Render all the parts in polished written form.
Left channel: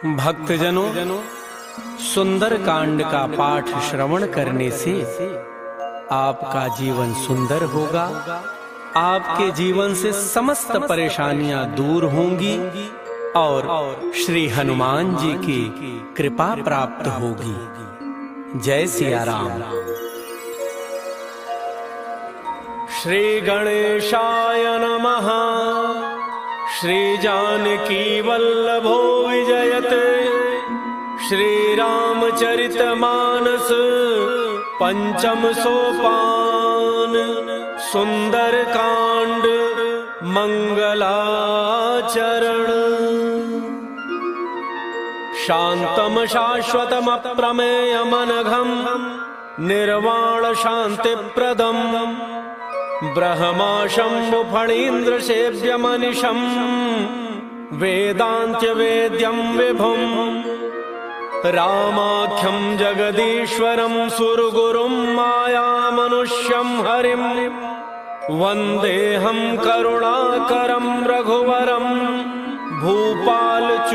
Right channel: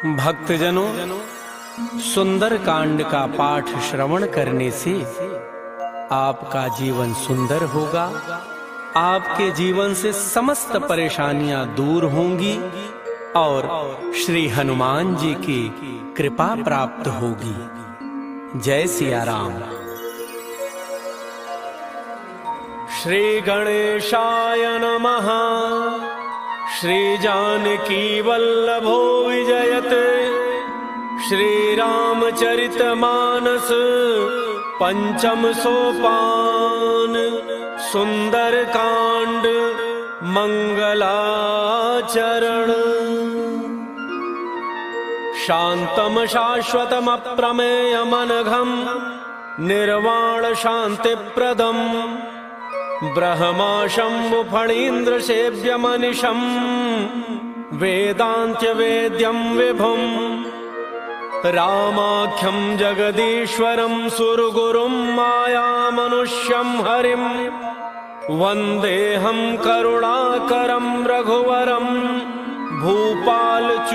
भक्तजनों, सुंदर कांड का पाठ श्रवण करने से आपका जीवन सुंदर होगा। आपके जीवन से समस्त परेशानियां दूर होंगी और श्री हनुमान जी की कृपा प्राप्त होगी। जय सिया राम। श्री गणेशाय नमः। श्री जानकी वल्लभो विजयते। श्री रामचरितमानस पंचम सोपान। सुंदर कांड मंगलाचरण। शांतम शाश्वतम अप्रमेयमनघम निर्वाण शांतिप्रदम ब्रह्मा शंभु फणीन्द्र सेव्यमनिशं वेदांत्य वेद्यं विभुं रामाख्यं जगदीश्वरं सुरगुरुं मायामनुष्यं हरिं वन्देऽहं करुणाकरं रघुवरं भूपालचूडामणिं।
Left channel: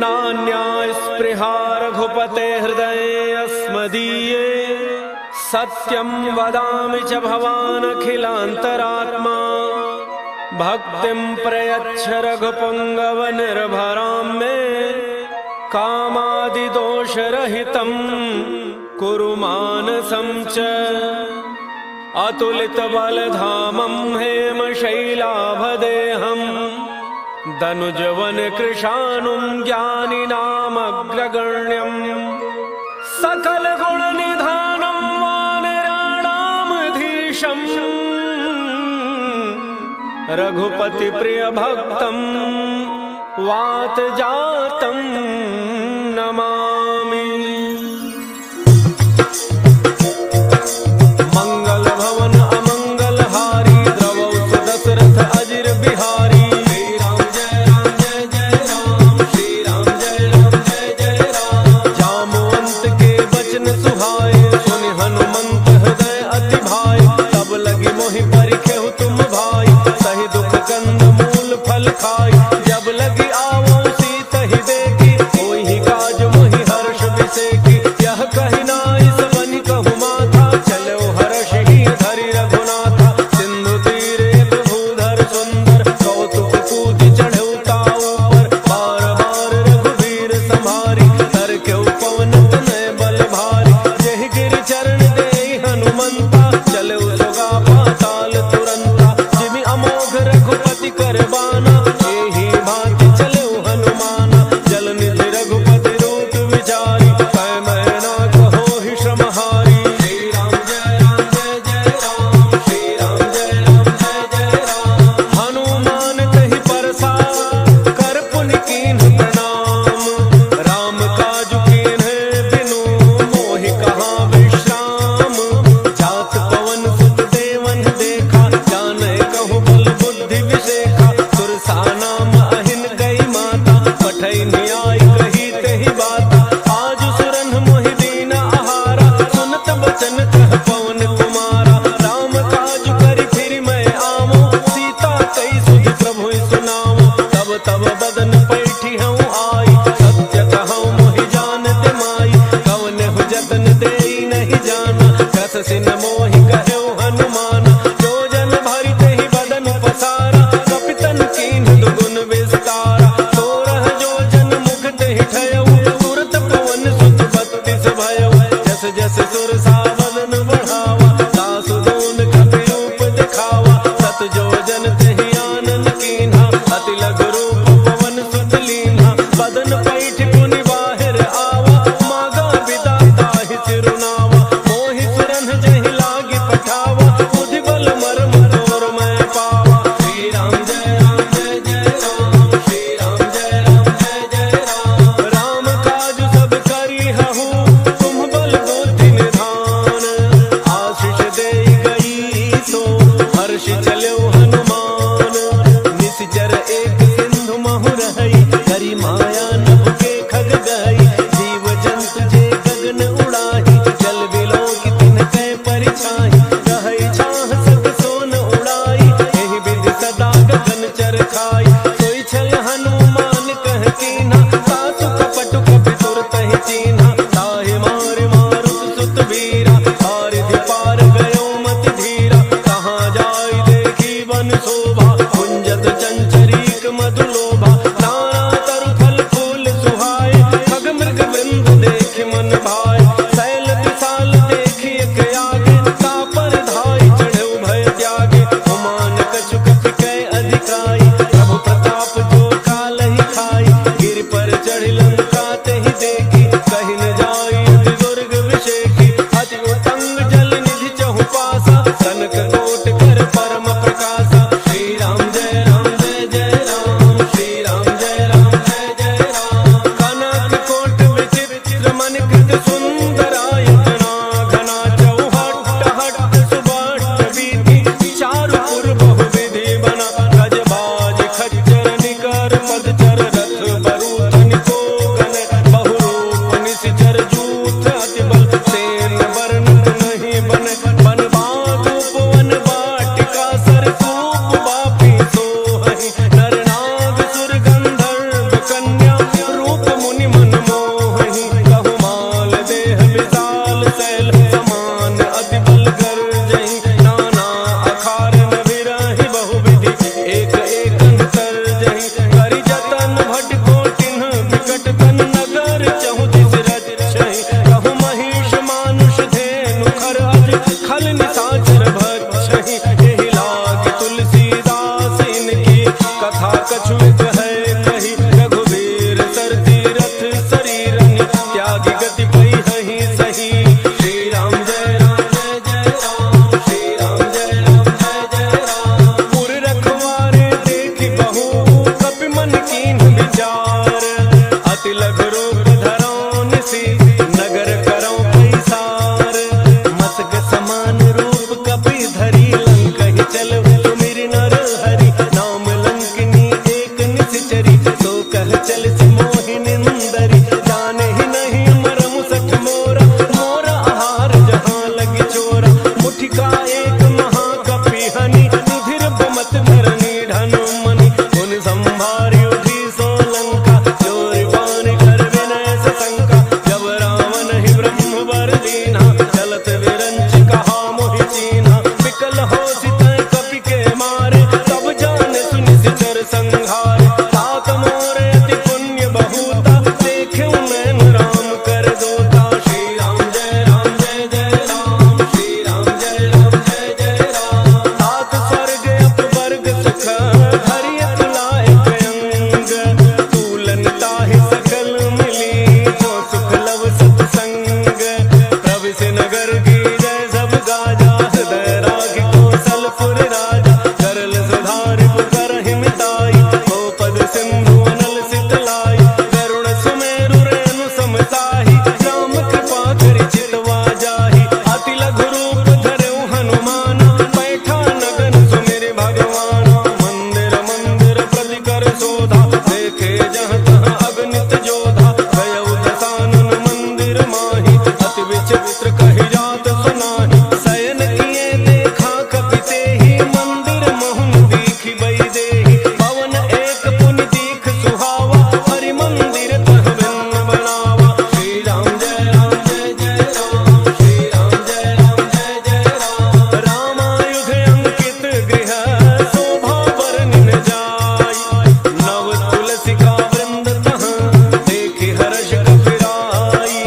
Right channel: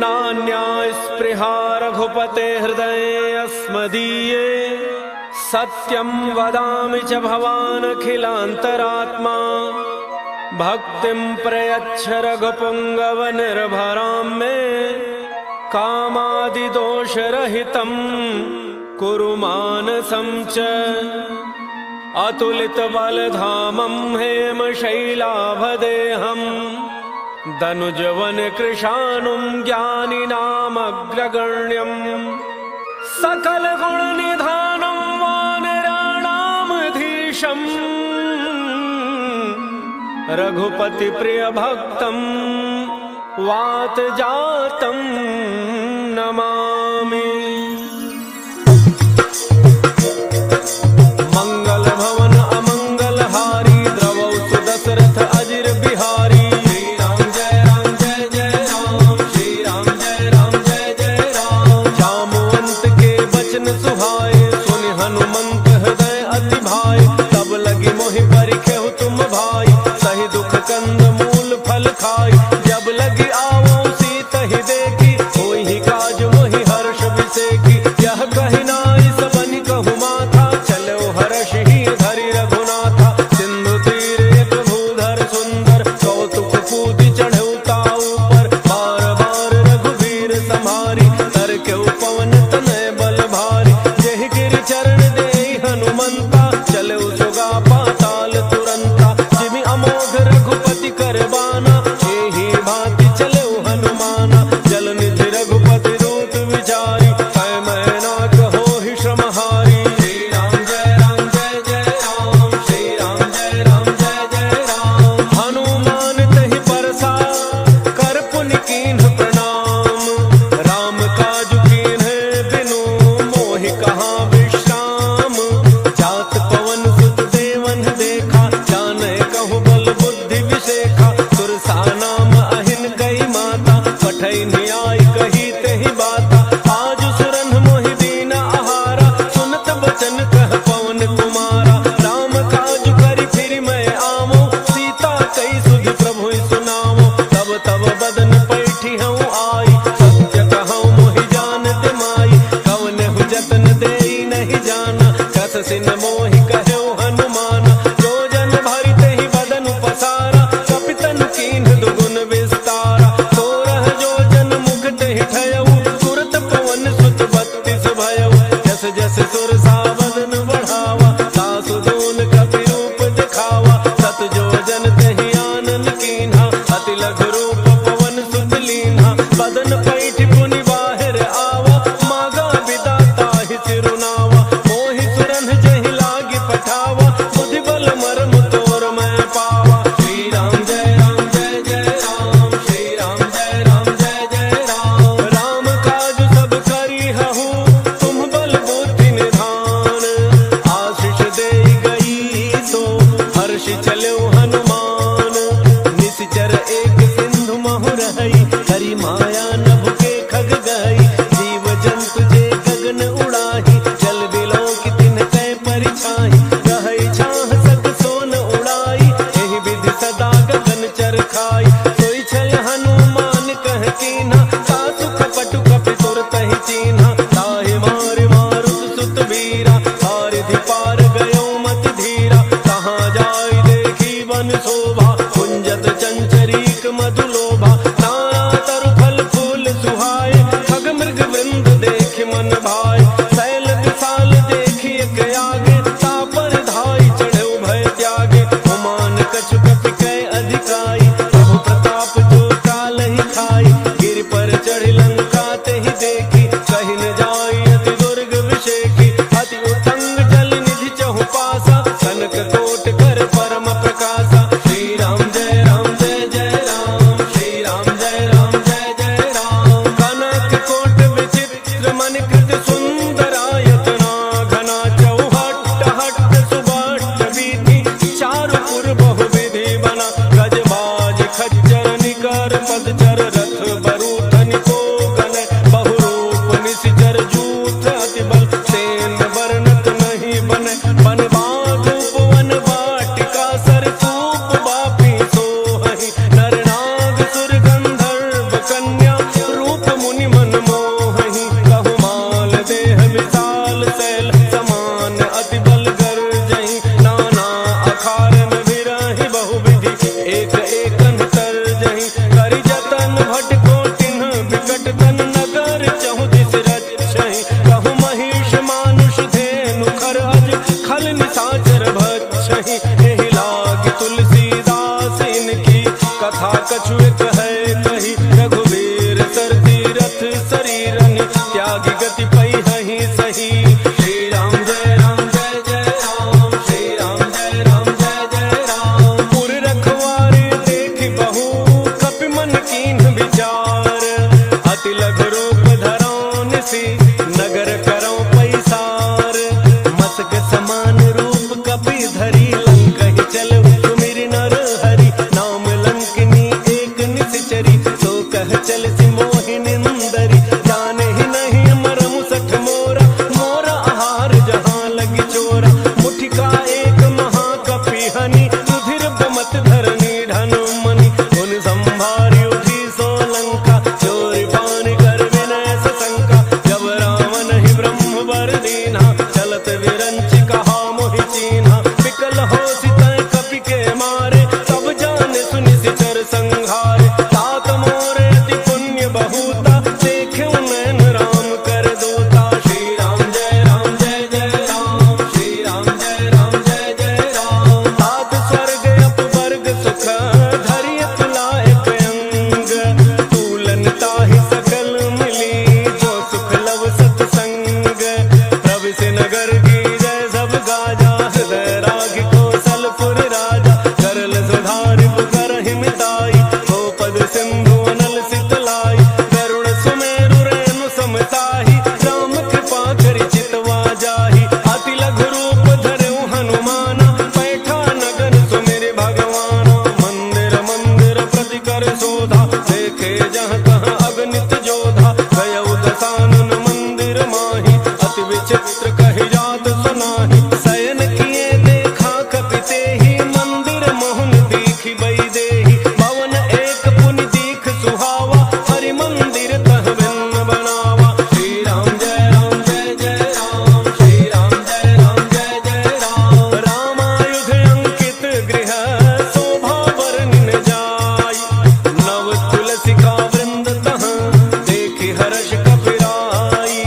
नान्या स्पृहा रघुपते हृदये अस्मदीये सत्यं वदामि च भवानखिलान्तरात्मा। भक्तिं प्रयच्छ रघुपुङ्गव निर्भरां मे कामादिदोषरहितं कुरु मानसं च। अतुलितबलधामं हेमशैलाभदेहं दनुजवनकृशानुं ज्ञानिनामग्रगण्यं सकलगुणनिधानं वानराणामधीशम् रघुपति प्रिय भक्तं वातजातं नमामि। मंगल भवन अमंगलहारी द्रवौ सुदशरथ अजिर बिहारी। जामवंत के बचन सुहाए सुनि हनुमंत हृदय अति भाई। तब लगी मोहि परिखेहु तुम भाई सही दुख कंद मूल फल खाई। जब लगी आवो सीतहि देखी होई ही काज मोहि हर्ष बिसेकी। यह कहि नाई सबनि कहु माथा चलो हर्ष ही धरि रघुनाथा। सिंधु तीर एक भूधर सुंदर कौतुक कूदि चढ़ऊ ताऊ पर। बार बार रघुवीर संभारी तर के पवन तनय बल भारी। जहि गिरि चरण देहि हनुमंता चले सुगा पाताल तुरंता। जिमि अमोघ रघुपति करबाना एहि भांति चले हनुमाना। जल निधि रघुपति रूत विचारी कै मैना कहो ही श्रमहारी। श्री राम जय राम जय जय राम। श्री राम जय राम जय जय राम। हनुमान तहि परसा कर पुनि कीन्ह प्रणाम। राम काज कीन्ह बिनु मोहि कहाँ विश्राम। जात पवन सुत देवन देखा जाने कहु बल बुद्धि विशेखा। सुरसा नाम अहिन कही माता पठई न्याय कही तेहि बाता। आज सुरन मोहि दीन आहारा सुनत बचन कह पवन कुमारा। राम काज करि फिर मैं आवो सीता कई सुधि प्रभु सुनावो। तब तब बदन पैठी हूँ आई सत्य कहूँ मोहि जान दिमाई। कवनेहु जतन देई नहीं जाना कस सिन मोहि कहु हनुमाना। जो जन भरि तेहि बदन पसारा कपितनु कीन्ह दुगुन विस्तारा। सोरह जो जन मुख तेहि ठयऊ तुरत पवन सुत बत्तीस भयऊ। जस जस सुरसा बदन बढ़ावा सासु दून कपि रूप दिखावा। सत जो जन तेहि आनन कीन्हा अति लघु रूप पवन सुत लीन्हा। बदन पैठ पुनि बाहिर आवा मागा बिदा ताहि सिरुनावा। मोहि सुरन जहि लागी पठावा बुद्धि बल मर्म तोर मैं पावा। श्री राम जय राम जय जय राम। श्री राम जय राम जय जय राम। राम काज सब करी हहु तुम बल बुद्धि निधान। आशीष देई गई तो हर्ष चलो हनुमान। निश्चर एक सिंधु महु रही हरि माया नभ के खग गई। जीव जंतु जे गगन उड़ाही जल बिलो की तिन कै परिछाही। कहई छाह सक सोन उड़ाई एहि विधि सदा गगन चर खाई। सोई छल हनु पुटहु पासा, कनक कोट कर परम प्रकाशा। श्री राम जय राम जय जय राम, श्री राम जय राम जय जय राम। कनक कोट विचित्र मणिकृत सुंदरायतना, घना चौहट्ट हट्ट सुबट्ट वीथि, चारुपुर बहुविधि बना। गजबाज खच्चर निकर पदचर, रथ बरूथ निको गण, बहुरूप निश्चर जूथ अति बल, सेन वर्णत नहीं बने। बन बाग उपवन वाटिका, सरकूप बापी सोहहि, नर नाग सुर गंधर्व कन्या, रूप मुनि मन मोहहि। कहु माल देह विशाल शैल, समान अति बल गर्जहि। नाना अखारन विरहि बहुविधि, एक एकन तरजहि। करि जतन भट कोटिन विकट तन, नगर चहु दिस रक्षहि। कहु महिष मानुष धेनु खर अज, खल निशाचर भक्षहि। एहि लाग तुलसीदास इनकी, कथा कछु एक है कही। रघुवीर सर तीरथ शरीरनि, त्यागी गति पहिहि सही। श्री राम जय राम जय जय राम, श्री राम जय राम जय जय राम। पुर रखवारे देखि बहु, कपि मन कीन्ह विचार। अति लघु रूप धरौ निसि, नगर करौ पैसार। मसक समान रूप कपि धरि, लंकहि चलौ सुमिरि नर हरि। नाम लंकिनी एक निश्चरी, सो कह चलति मोहि निंदरी। जाने ही नहीं मरम सठ मोरा, मोरा आहार जहाँ लगी चोरा। मुठिका एक महाकपि हनि, रुधिर बमत धरनी ढनु मनि। उन संभारी उठी सो लंका, चोरी पान कर विनय सशंका। जब रावण ही ब्रह्म वर दीन्हा, चलत विरंच कहा मोहि चीन्हा। विकल हो सितय कपि के मारे, तब जाने सुनि सिचर संघारे। तात मोरे अति पुण्य बहुता, देखे नैन राम कर दूता। श्री राम जय राम जय जय राम, श्री राम जय राम जय जय राम। तात स्वर्ग अपवर्ग सुख, धरिय तुलाए अंग। तूलन ताहि सकल मिली, जो सुख लव सतसंग। प्रविशि नगर की जय सब गाजा, हृदय राग कौशलपुर राजा। करल सुधारि करहि मिताई, गोपद सिंधु अनल सितलाई। गरुड़ सुमेरु रेणु समताहि, राम कृपा करि चितवा जाहि। अति लघु रूप धरऊ हनुमाना, पैठा नगन सुमिरि भगवाना। मंदिर मंदिर प्रति कर शोधा, देखे जहाँ तहाँ अगणित जोधा। गयउ दसानन मंदिर माहि, अति विचित्र कहि जात सुनाहि। शयन किए देखा कपि तेहि, मंदिर मोहन दीखि बई देहि। भवन एक पुनि दीख सुहावा, हरि मंदिर तह भिन्न बनावा। श्री राम जय राम जय जय राम, श्री राम जय राम जय जय राम। रामायुध अंकित गृह, शोभा बरनिन जाई। नव तुलसिका वृंद तह, देखि हर्ष कपिराई।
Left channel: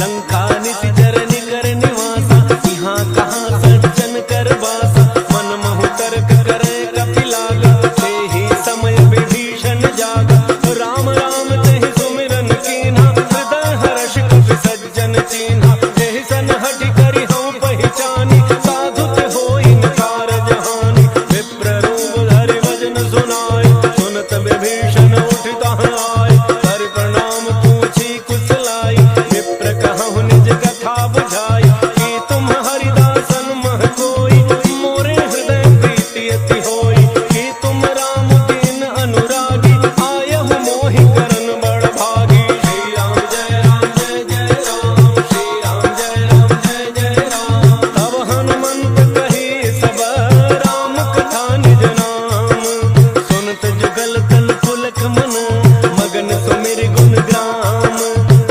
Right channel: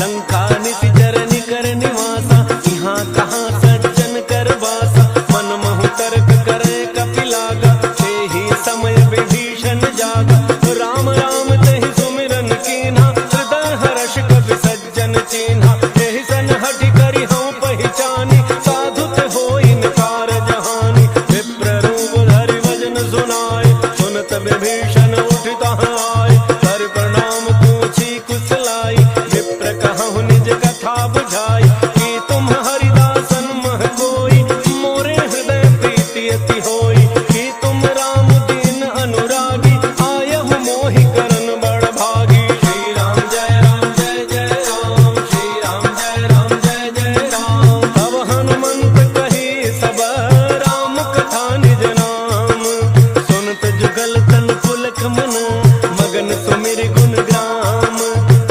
लंका निशिचर निकर निवासा, यहाँ कहाँ सज्जन कर बासा। मन महु तर्क करे कपि लागा, तेहि समय विभीषण जागा। राम राम तेहि सुमिरन कीन्हा, हृदय हर्ष कपि सज्जन चीन्हा। एहि सन हठि करि हऊँ पहिचानी, साधुत होई नकार जहानी। विप्र रूप धरि भजन सुनाए, सुनत विभीषण उठि तहाँ आए। कर प्रणाम पूछी कुशलाई, विप्र कहहुँ निज कथा बुझाई। कि तुम हरिदासन मह कोई, मोरे हृदय प्रीति अति होई। कि तुम राम दीन अनुरागी, आयहु मोहि करन बड़ भागी। श्री राम जय राम जय जय राम, श्री राम जय राम जय जय राम। तब हनुमंत कही सब, राम कथा निज नाम। सुनत जुगल तन पुलक मन, मगन सुमिर गुण ग्राम।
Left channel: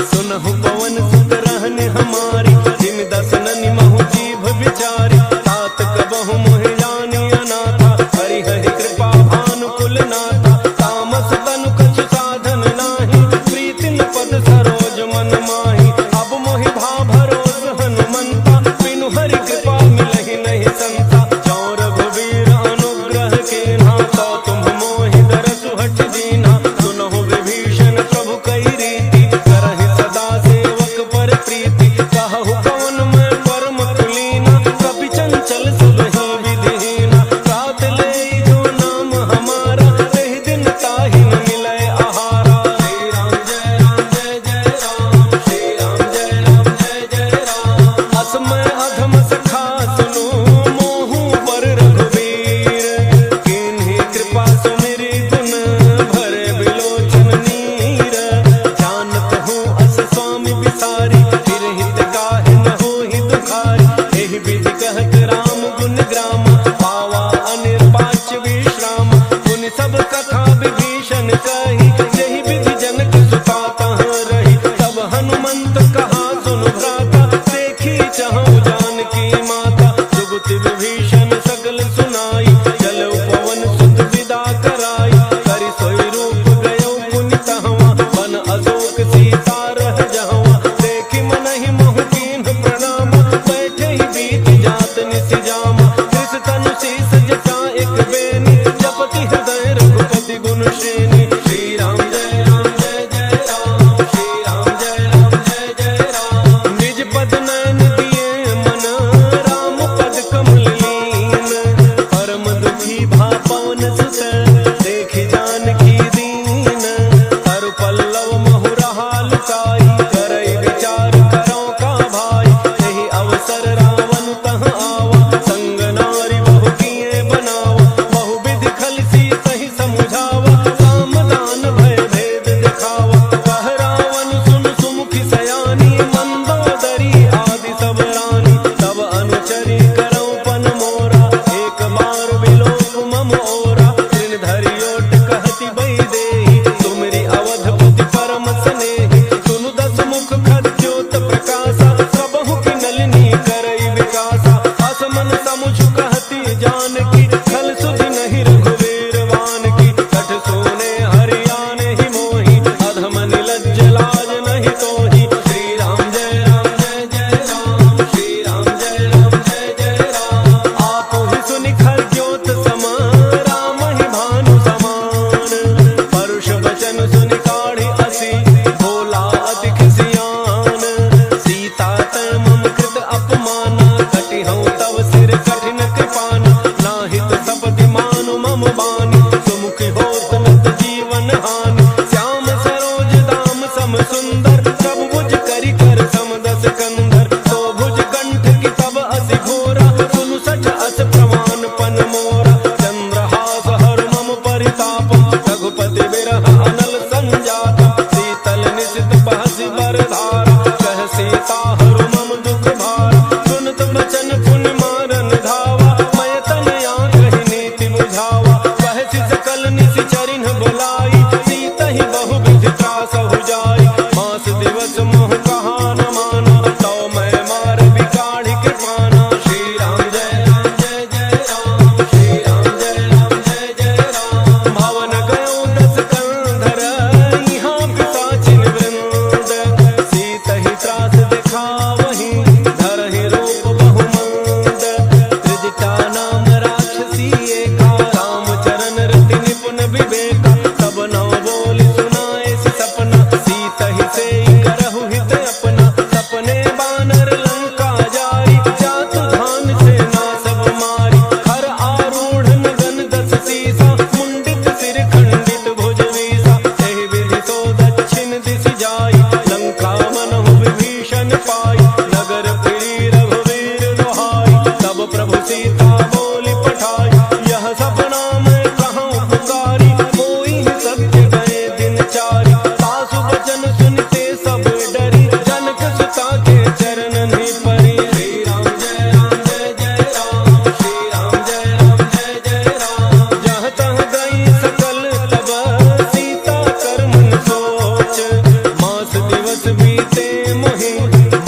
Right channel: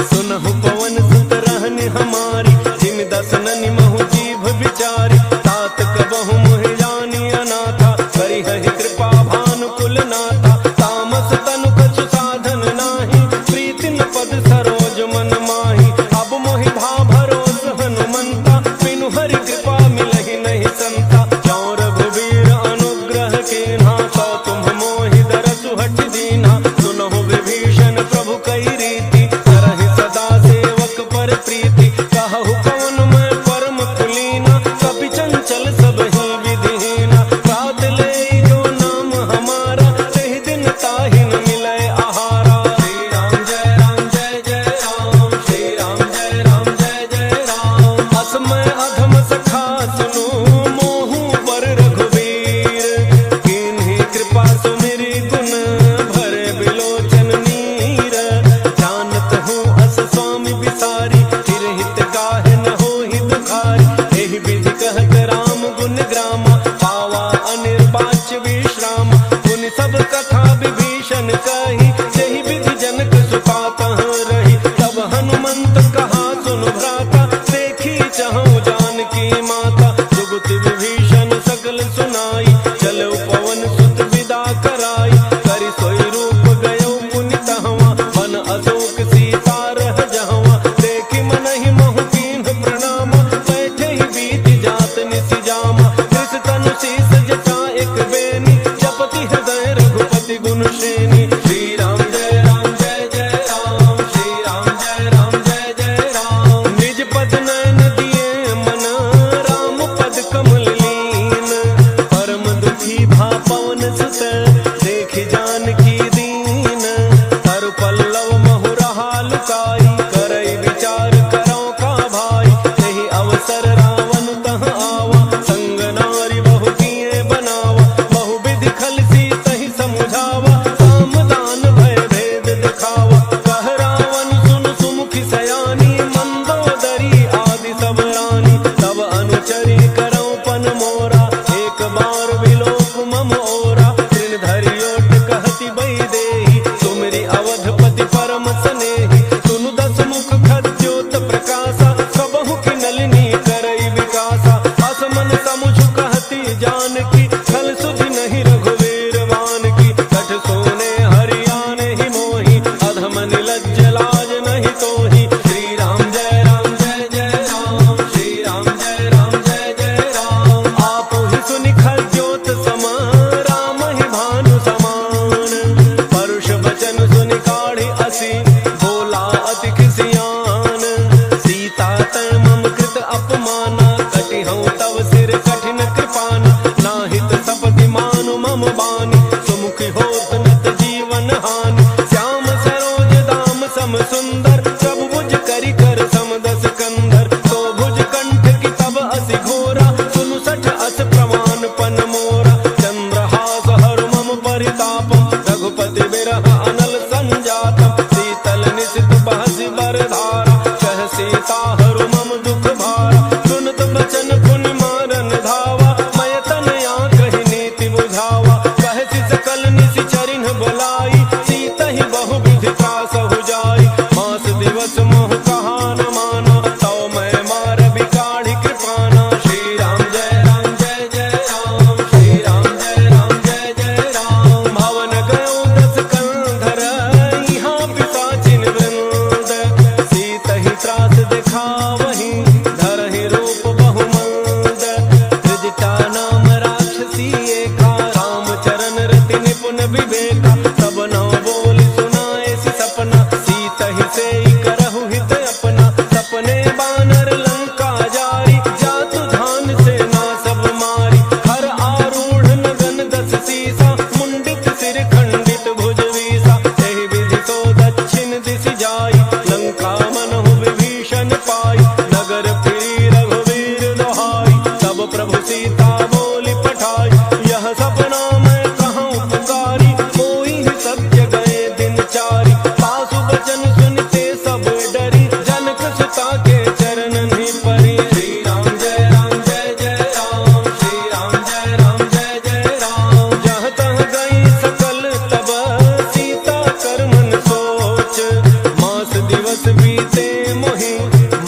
सुनहु पवन सुत रहनि हमारी, जिमि दसननि महु जीभ विचारी। तात कबहु मोहि जानी अनाथा, करिहहि कृपा भानुकुल नाथा। तामस तनु कछु साधन नाही, प्रीति न पद सरोज मन माही। अब मोहि भा भरोस हनुमंता, बिनु हरि कृपा मिलहि नहीं संता। जौं रघुवीर अनुग्रह कीन्हा, तो तुम मोहि दरसु हठ दीन्हा। सुनहु विभीषण प्रभु कई रीति, करहि सदा सेवक पर प्रीति। कहु कवन मैं परम कुलीना, कपि सब कथा विभीषण कही, यही विधि जनक सुता तहाँ रही। तब हनुमंत कहा सुन भ्राता, देखी चाहूं जानकी माता। जुगति विभीषण सकल सुनाई, चलो पवन सुत विदा कराई। करि सोई रूप गयो पुनि तहवा, बन अशोक सीता रह जहवा। देखी मनहि महु कीन्ह प्रणाम, बैठे ही बीत जात निसि जामा। कृष तनु शीस जटा एक बेनी, जपति हृदय रघुपति गुण श्रेणी। श्री राम जय राम जय जय राम, श्री राम जय राम जय जय राम। निज पद नयन दिए मन, राम पद कमल लीन। परम दुखी भा पवन सुत, देखि जानकी दीन। हर पल्लव महु रहा लुकाई, करई विचार करो का भाई। यही अवसर रावण तह आवा, संग नारी बहु किए बनावा। बहु विधि खल सीतहि समुझावा, काम दान भय भेद दिखावा। कह रावण सुन सुमुखी सयानी, मंदोदरी आदि सब रानी। तब अनुचरी करो पन मोरा, एक बार विलोक मम ओरा। तृण धरि ओट कहती बई देही, तुमरी अवधपति परम स्नेही। सुनु दस मुख खद्योत प्रकाशा, कबहु की नलिनी करई विकासा। असमन समुझ कहती जानकी, खल सुधि नहीं रघुवीर वान की। कठ सोने हरियाने ही मोही, अधम निलज्ज लाज नहीं तोही। श्री राम जय राम जय जय राम, श्री राम जय राम जय जय राम। आप ही सुनि खद्योत सम, राम ही भानु समान। परुष बचन सुनि काढ़ी असी, बोला अति खिसियान। सीता तै मम कृत अपमाना, कटिहउँ तव सिर कठिन कृपाना। नाहित सपति मानु मम बानी, सुमुखी होत नत जीवन हानि। श्याम सरोज दाम सम सुंदर, प्रभु भुज करि कर समदस कंधर। तो भुज कंठ की तब अति घोरा, सुनु सठ अस प्रमाण पन मोरा। चंद्रहास हर मम परितापम, रघुपति बिरह अनल संजातम। शीतल निशित बहसि बरधारा, कह सीता हरु मम दुख भारा। सुनत बचन पुनि मारन धावा, मैं तनया कहि नीति बुझावा। कहसि सकल निशि चरिन बुलाई, सीता ही बहु विधि त्रासहु जाई। मास दिवस मोह कहा न माना, तौ मैं मार बिकाढ़ी कृपाना। श्री राम जय राम जय जय राम, श्री राम जय राम जय जय राम। भवन गयो दस कंधर, यहाँ पिशाचिन वृंद। सीता ही त्रास दिखावहि, धरहि रूप बहुमंद। त्रिजटा नाम राक्षसी एका, रामचरण रति निपुण विवेका। तब नौ बोली सुनाए सि सपना, सीता ही सेई करहु हित अपना। सपने बानर लंका जारी, जातु धान से ना सब मारी। हर आरूढ़ नगन दस सीसा, मुंडित सिर खंडित भुज वीसा। एहि विधि तो दक्षिण दिशि जाई, लंका मनहु विभीषण पाई। नगर फिरी रघुवीर दोहाई, तब प्रभु सीता बोली पठाई। यह सपना मैं कहूँ पुकारी, कोई ही सत्य गए दिन चारी। सासु बचन सुनते सब डरी, जनक सुता के चरण ही परी। श्री राम जय राम जय जय राम, श्री राम जय राम जय जय राम। जहाँ तहाँ गई सकल तब, सीता कर मन सोच। मास दिवस बीते मोहि,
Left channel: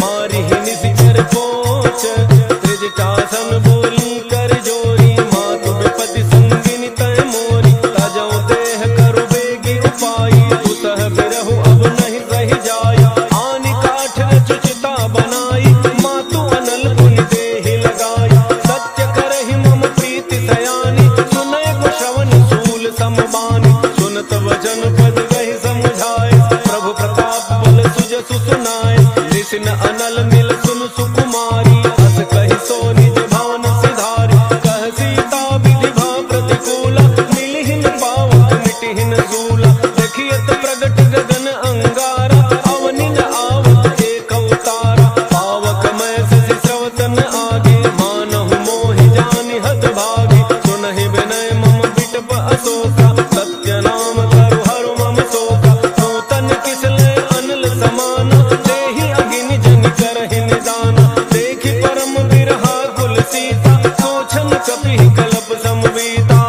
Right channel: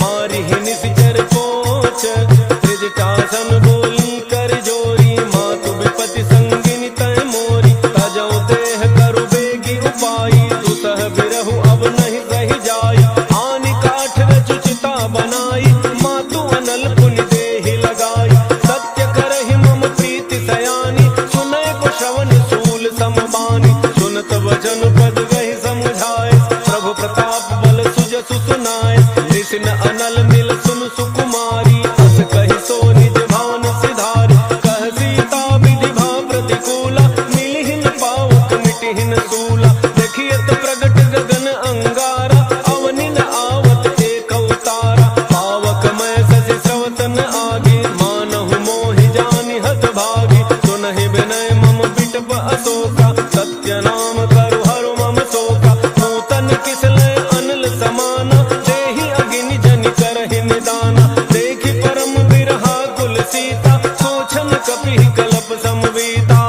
मारी ही निशिचर पोच। त्रिजटासन बोली कर जोरी, मातु विपति संगिनी तय मोरी। तजौ देह करु बेगी उपाई, दुसह बिरहु अब नहीं सही जाई। आनि काठ रचुचिता बनाई, मातु अनल पुनि देहि लगाई। सत्य करहि मम प्रीति सयानी, सुनय को श्रवण सूल समबानी। सुनत वचन पद गहि समुझाए, प्रभु प्रताप बल सुजसु सुनाए। निसिन अनल मिल सुनु सुकुमारी, अस कहि सो निज भान सिधारी। कह सीता विधि भा प्रतिकूला, मिलिहिन पावक मिटिहिन सूला। देखियत प्रगट गगन अंगारा, अवनिन आवत एक अवतारा। पावक मैं शशि स्रवतन आगे, मानहु मोहि जानि हत भागी। सुनहि विनय मम बिटप अशोका, सत्य नाम करु हरु मम शोका। नूतन किसलय अनल समाना, देहि अगिनि जनि करहि निदाना। देखि परम बिरहा कुल सीता, सोचन कपि कलप समवीता।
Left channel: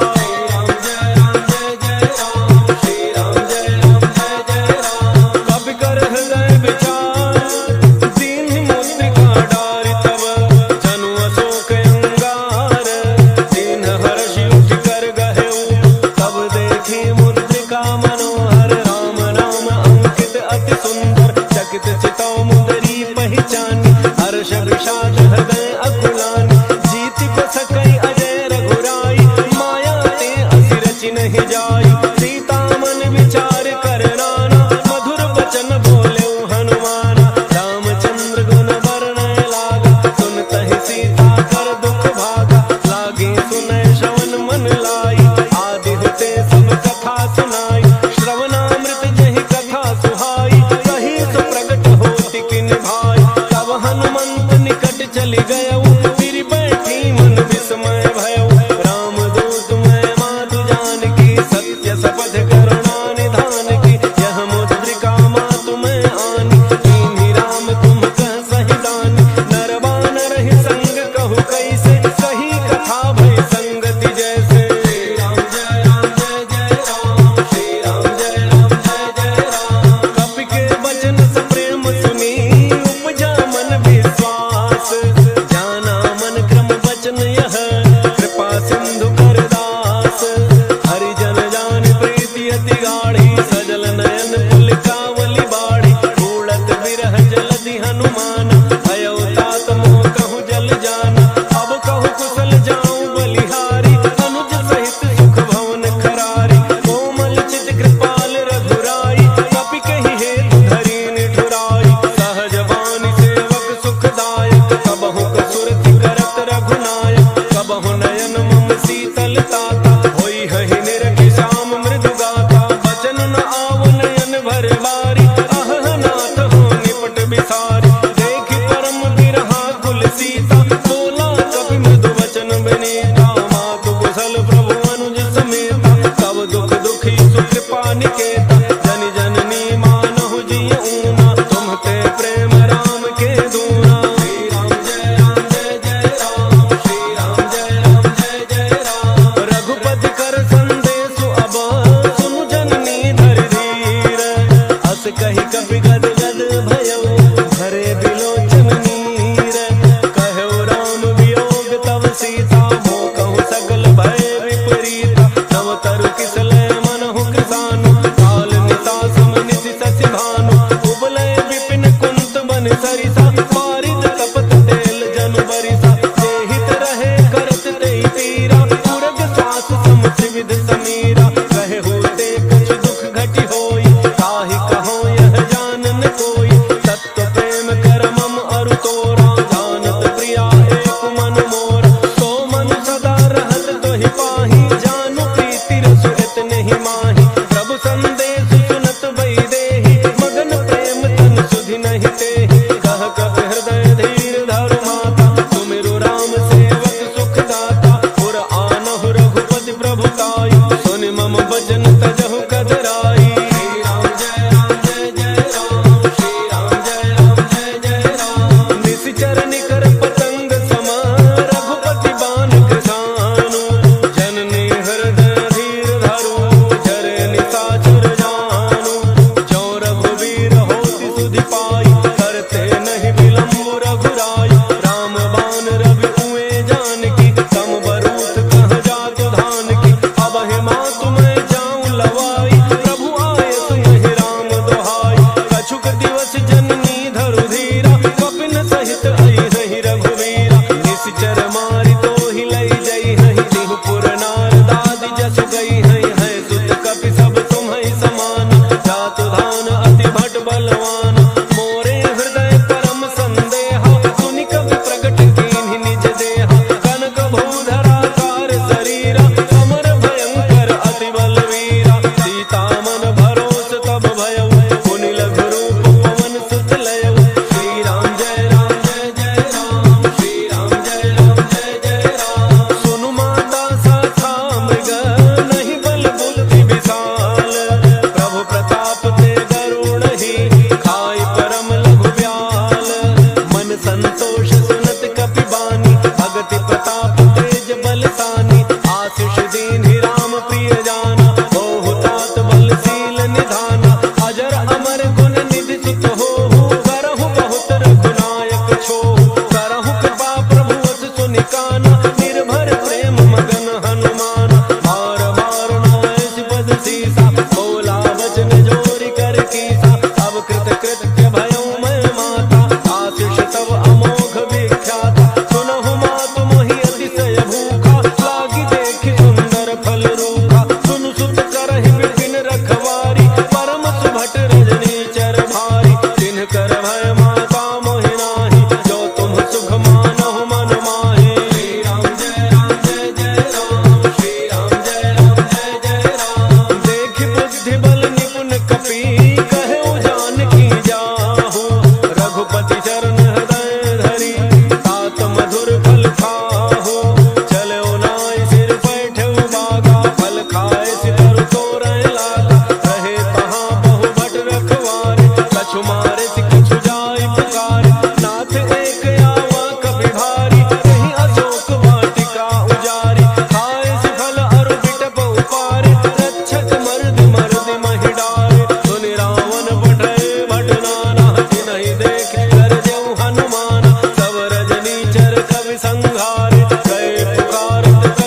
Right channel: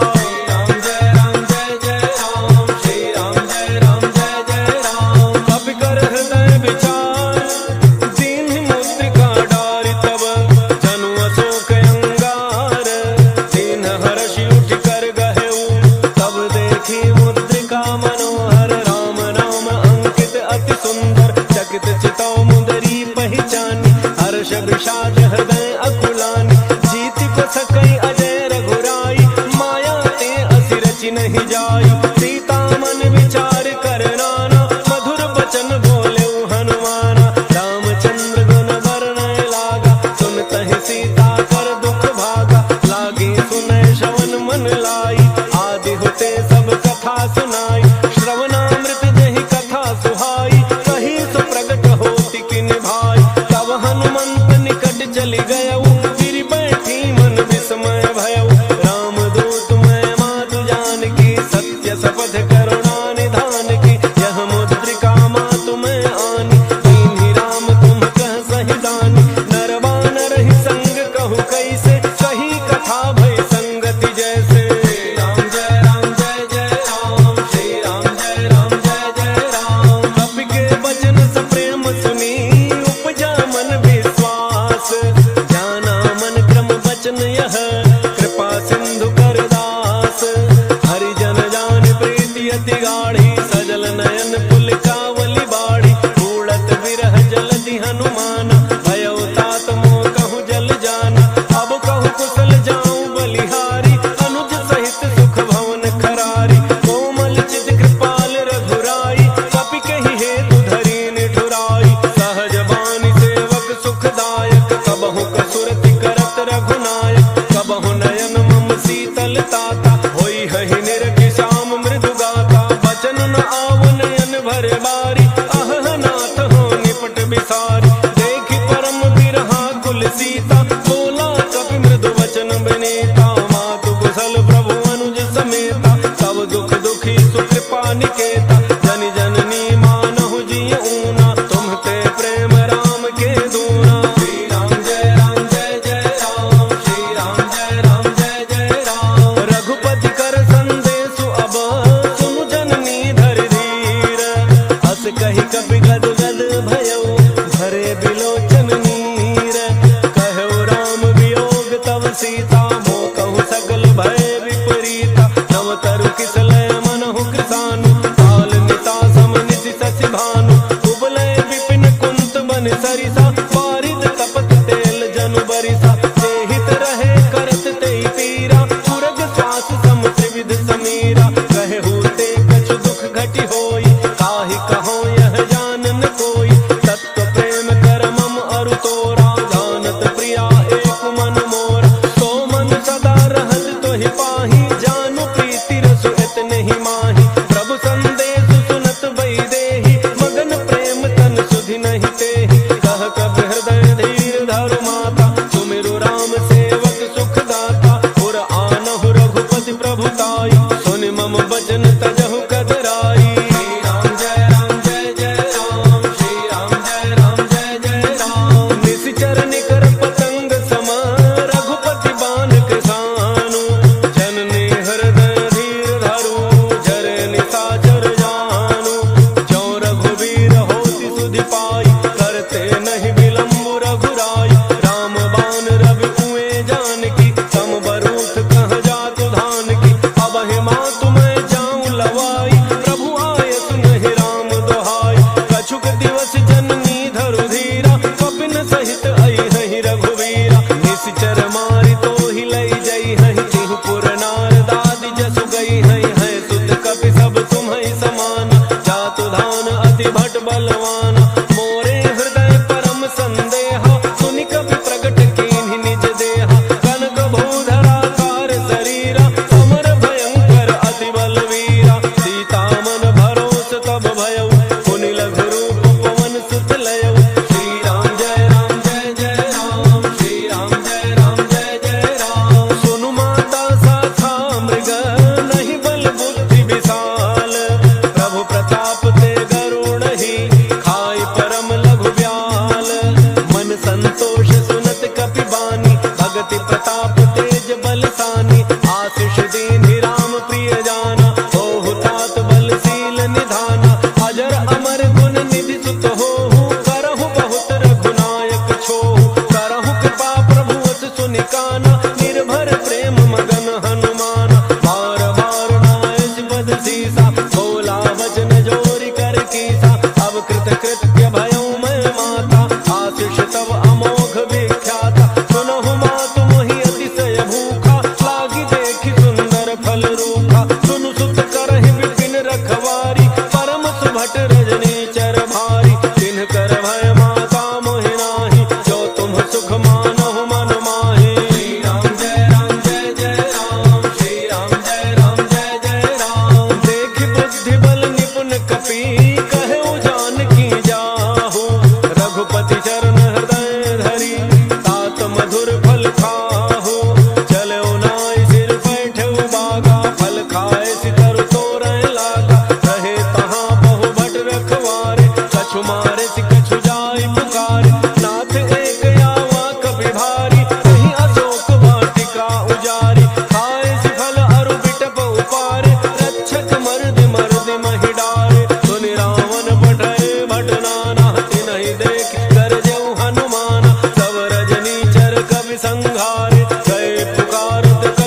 राम जय राम जय विषाद हृदय अकुलानी, जीत को सकई अजय रघुराई, माया ते असि रचि नहीं जाई, सीता मन विचार कर नाना, मधुर बचन बोले हनुमाना, रामचंद्र गुण वर्णय लागा, सुनतहि सीता कर दुख भागा, लागे सुनय श्रवण मन लाई, आदि होते सब कथा सुनाई, श्रवणामृत जहि कथा सुहाई, कही सो प्रगट होति किन भाई, तब हनुमंत निकट चली गयऊ, फिर बैठी मन विस्मय भयऊ, राम दूत मैं मातु जानकी, सत्य सपथ करुणा निधान की, यह मुद्रिका मातु मैं आनी, दीन्ही राम तुम कह सही दानी, नरवानर ही संग कहु कैसे, कही कथा भय संगति जैसे, राम जय राम जय जय राम, श्री राम जय राम जय जय राम, कपि के वचन सप्रेम सुनी, उपजा मन विश्वास, जाना मन क्रम वचन यह, कृपा सिंधु कर दास, हरिजन जान प्रीति अति गाढ़ी, सजल नयन पुलकावली बाढ़ी, उड़त विरह जलधि हनुमान, भयो तात मोह कहूँ जल जाना, अब कहूँ कुशल जाऊं बलिहारी, अनुज सहित सुख भवन खरारी, कोमल चित कृपाल रघुराई, कपि कहि हेतु धरी निठुराई, सहज बानी सेवक सुखदायक, कबहु कसुरति करत रघुनायक, कबहु नयन मम शीतल ताता, होई हहि निरखि श्याम मृदु गाता, बचन न आव नयन भर बारी, अह नाथ हो निपट बिसारी, देखि परम बिरहा कुल सीता, बोला कपि मृदु वचन विनीता, मातु कुशल प्रभु अनुज समेता, तब दुख दुखी सुकृपा निकेता, जन जननी मानहु जिय ऊना, तुम्हते प्रेम राम के दूना, श्री राम जय राम जय जय राम, श्री राम जय राम जय जय राम, रघुपति कर संदेशु अब, सुनु जननी धर धीर, अस कहि कपि गद गद भयऊ, धरे बिलोचन नीर, कहु राम वियोग तव सीता, मोह कहु सकल भय विपरीता, नव तरु किसलय मनहु कृसानु, काल निता सम निशि शशि भानु, उबलय विपिन कुंत बन सरिसा, पारिद तपत तेल जनु बरिसा, जे हित रहे करत तेहि पीरा, पुरग श्वास सम त्रिविध समीरा, कहे होते कछु दुख घटि होई, काहि कहो यह जानन कोई, तत्व प्रेम कर मम अरु तोरा, जानत प्रिया एक मन मोरा, तो मन सदा रहत तोहि पाही, जानु प्रीति रसु इतने ही माही, प्रभु संदेश सुनत वैदेही, मगन प्रेम तन सुधि नहीं तेहि, कह कपि हृदय धीर धरु माता, सुमिरु राम सेवक सुख दाता, पुर आनहु रघुपति प्रभुताई, सुनि मम वचन तजहु कदराई, श्री राम जय राम जय जय राम, श्री राम जय राम जय जय राम, निशिचर निकर पतंग सम, रघुपति बाण कृसानु, जननी हृदय धीर धरु, जरे निशाचर जानु, जो रघुवीर होति सुधि पाई, करते नहीं विलम्ब रघुराई, राम बाण रवि उए जानकी, तम बरूथ कह जातु धान की, अब हे मातु मैं जाऊं लवाई, प्रभु आय सुनहि राम दोहाई, कछुक दिवस जननी धरु धीरा, कपिन सहित आई हहि रघुवीरा, निशिचर मारि तोहि लई जई हहि, तिहु पुर नार दादि जसु गई हई, है सुत कपि सब तुम्हि समान, जातु धान अति भट बलवाना, मोरे हृदय परम संदेहा, सुनि कपि प्रगट कीन्हि निज देहा, कनक भूधरा कार शरीरा, अमर भयंकर अति बलवीरा, सीता मन भरोस तब भयऊ, पुनि लघु रूप पवन सुत लयऊ, श्री राम जय राम जय जय राम, श्री राम जय राम जय जय राम, सुनु माता साथा मृग, नहीं बल बुद्धि विशाल, प्रभु प्रताप ते गरुड़ ही, खाई परम लघु ब्याल, मन संतोष सुनत कपि बानी, भगति प्रताप तेज बलसानी, आशीष दीन्हि राम प्रिय जाना, होहु तात बलशील निधाना, अजर अमर गुण निधि सुत होहु, करहु बहुत रघुनायक छोहु, करहु कृपा प्रभु अस सुनि काना, निर्भर प्रेम मगन हनुमाना, बार बार नायस पद सीसा, बोला वचन जोरि कर कीसा, अब कृत कृत्य भयऊ मैं माता, आशीष तब अमोघ भी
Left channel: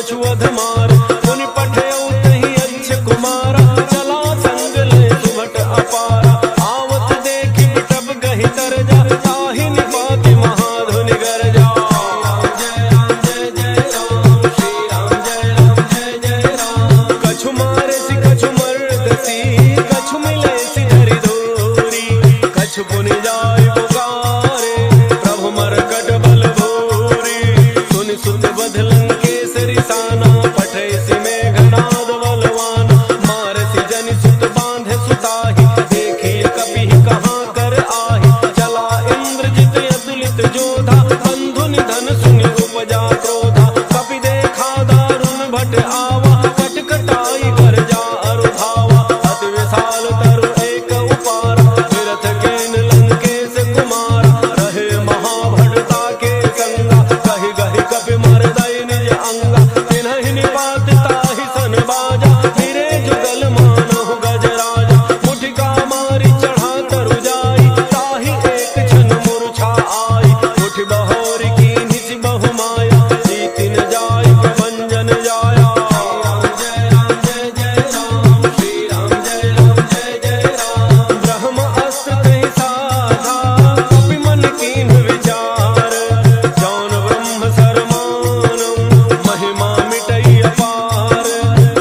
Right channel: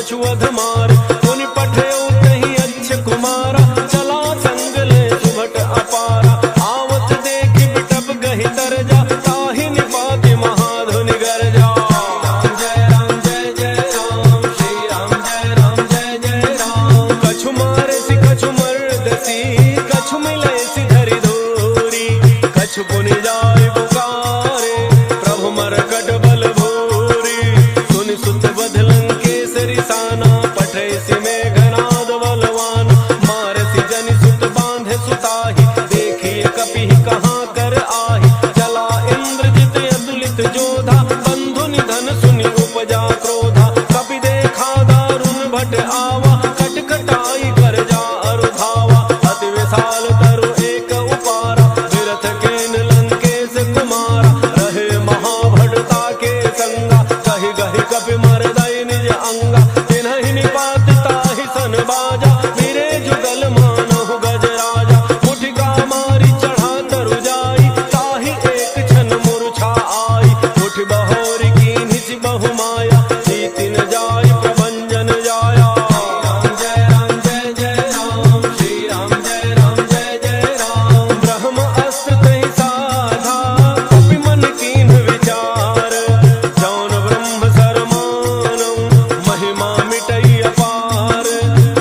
कछु अधमार। पुनि पठयो तहि अच्छ कुमारा, चला संग ले सुभट अपारा। आवत देखि बिटप गहि तरजा, ताहि निपाति महाधुनि गरजा। कछु मारसी कछु मर्दसी, कछु मिलैसी धरि धोरी। कछु पुनि जाय पुकारे, प्रभु मरकट बल भूरी। सुनि सुत बध लंकेसरी ताना, पठैसी मेघनाद बलवान। मारसी जनि सुत बांधे सुताहि, देखिए कपिहि कहाँ कर आहि। चला इंद्रजित अतुलित जोधा, बंधु निधन सुनि उपजा क्रोधा। कपि देखा दारुण भट आवा, कटकटाई गरजा अरु धावा। अति विशाल तरु एक उपारा, विरथ केन लंकेश कुमारा। रहे महाभटता के संगा, कहि गहि कपि मरदई निज अंगा। तिन्हि निपात ताहि सन बाजा, फिरे जुगल मानहु गजराजा। मुठिका मारी चढ़ा तरु जाई, ताहि एक क्षण मूर्छा आई। उठ बहोरी कीन्हि सि बहु माया, जीतिन जाय प्रभंजन जाया। ब्रह्म अस्त्र तहि साधा, कपि मन कीन्ह विचार। जौन ब्रह्म सरमानम, महिमा मिटई अपार।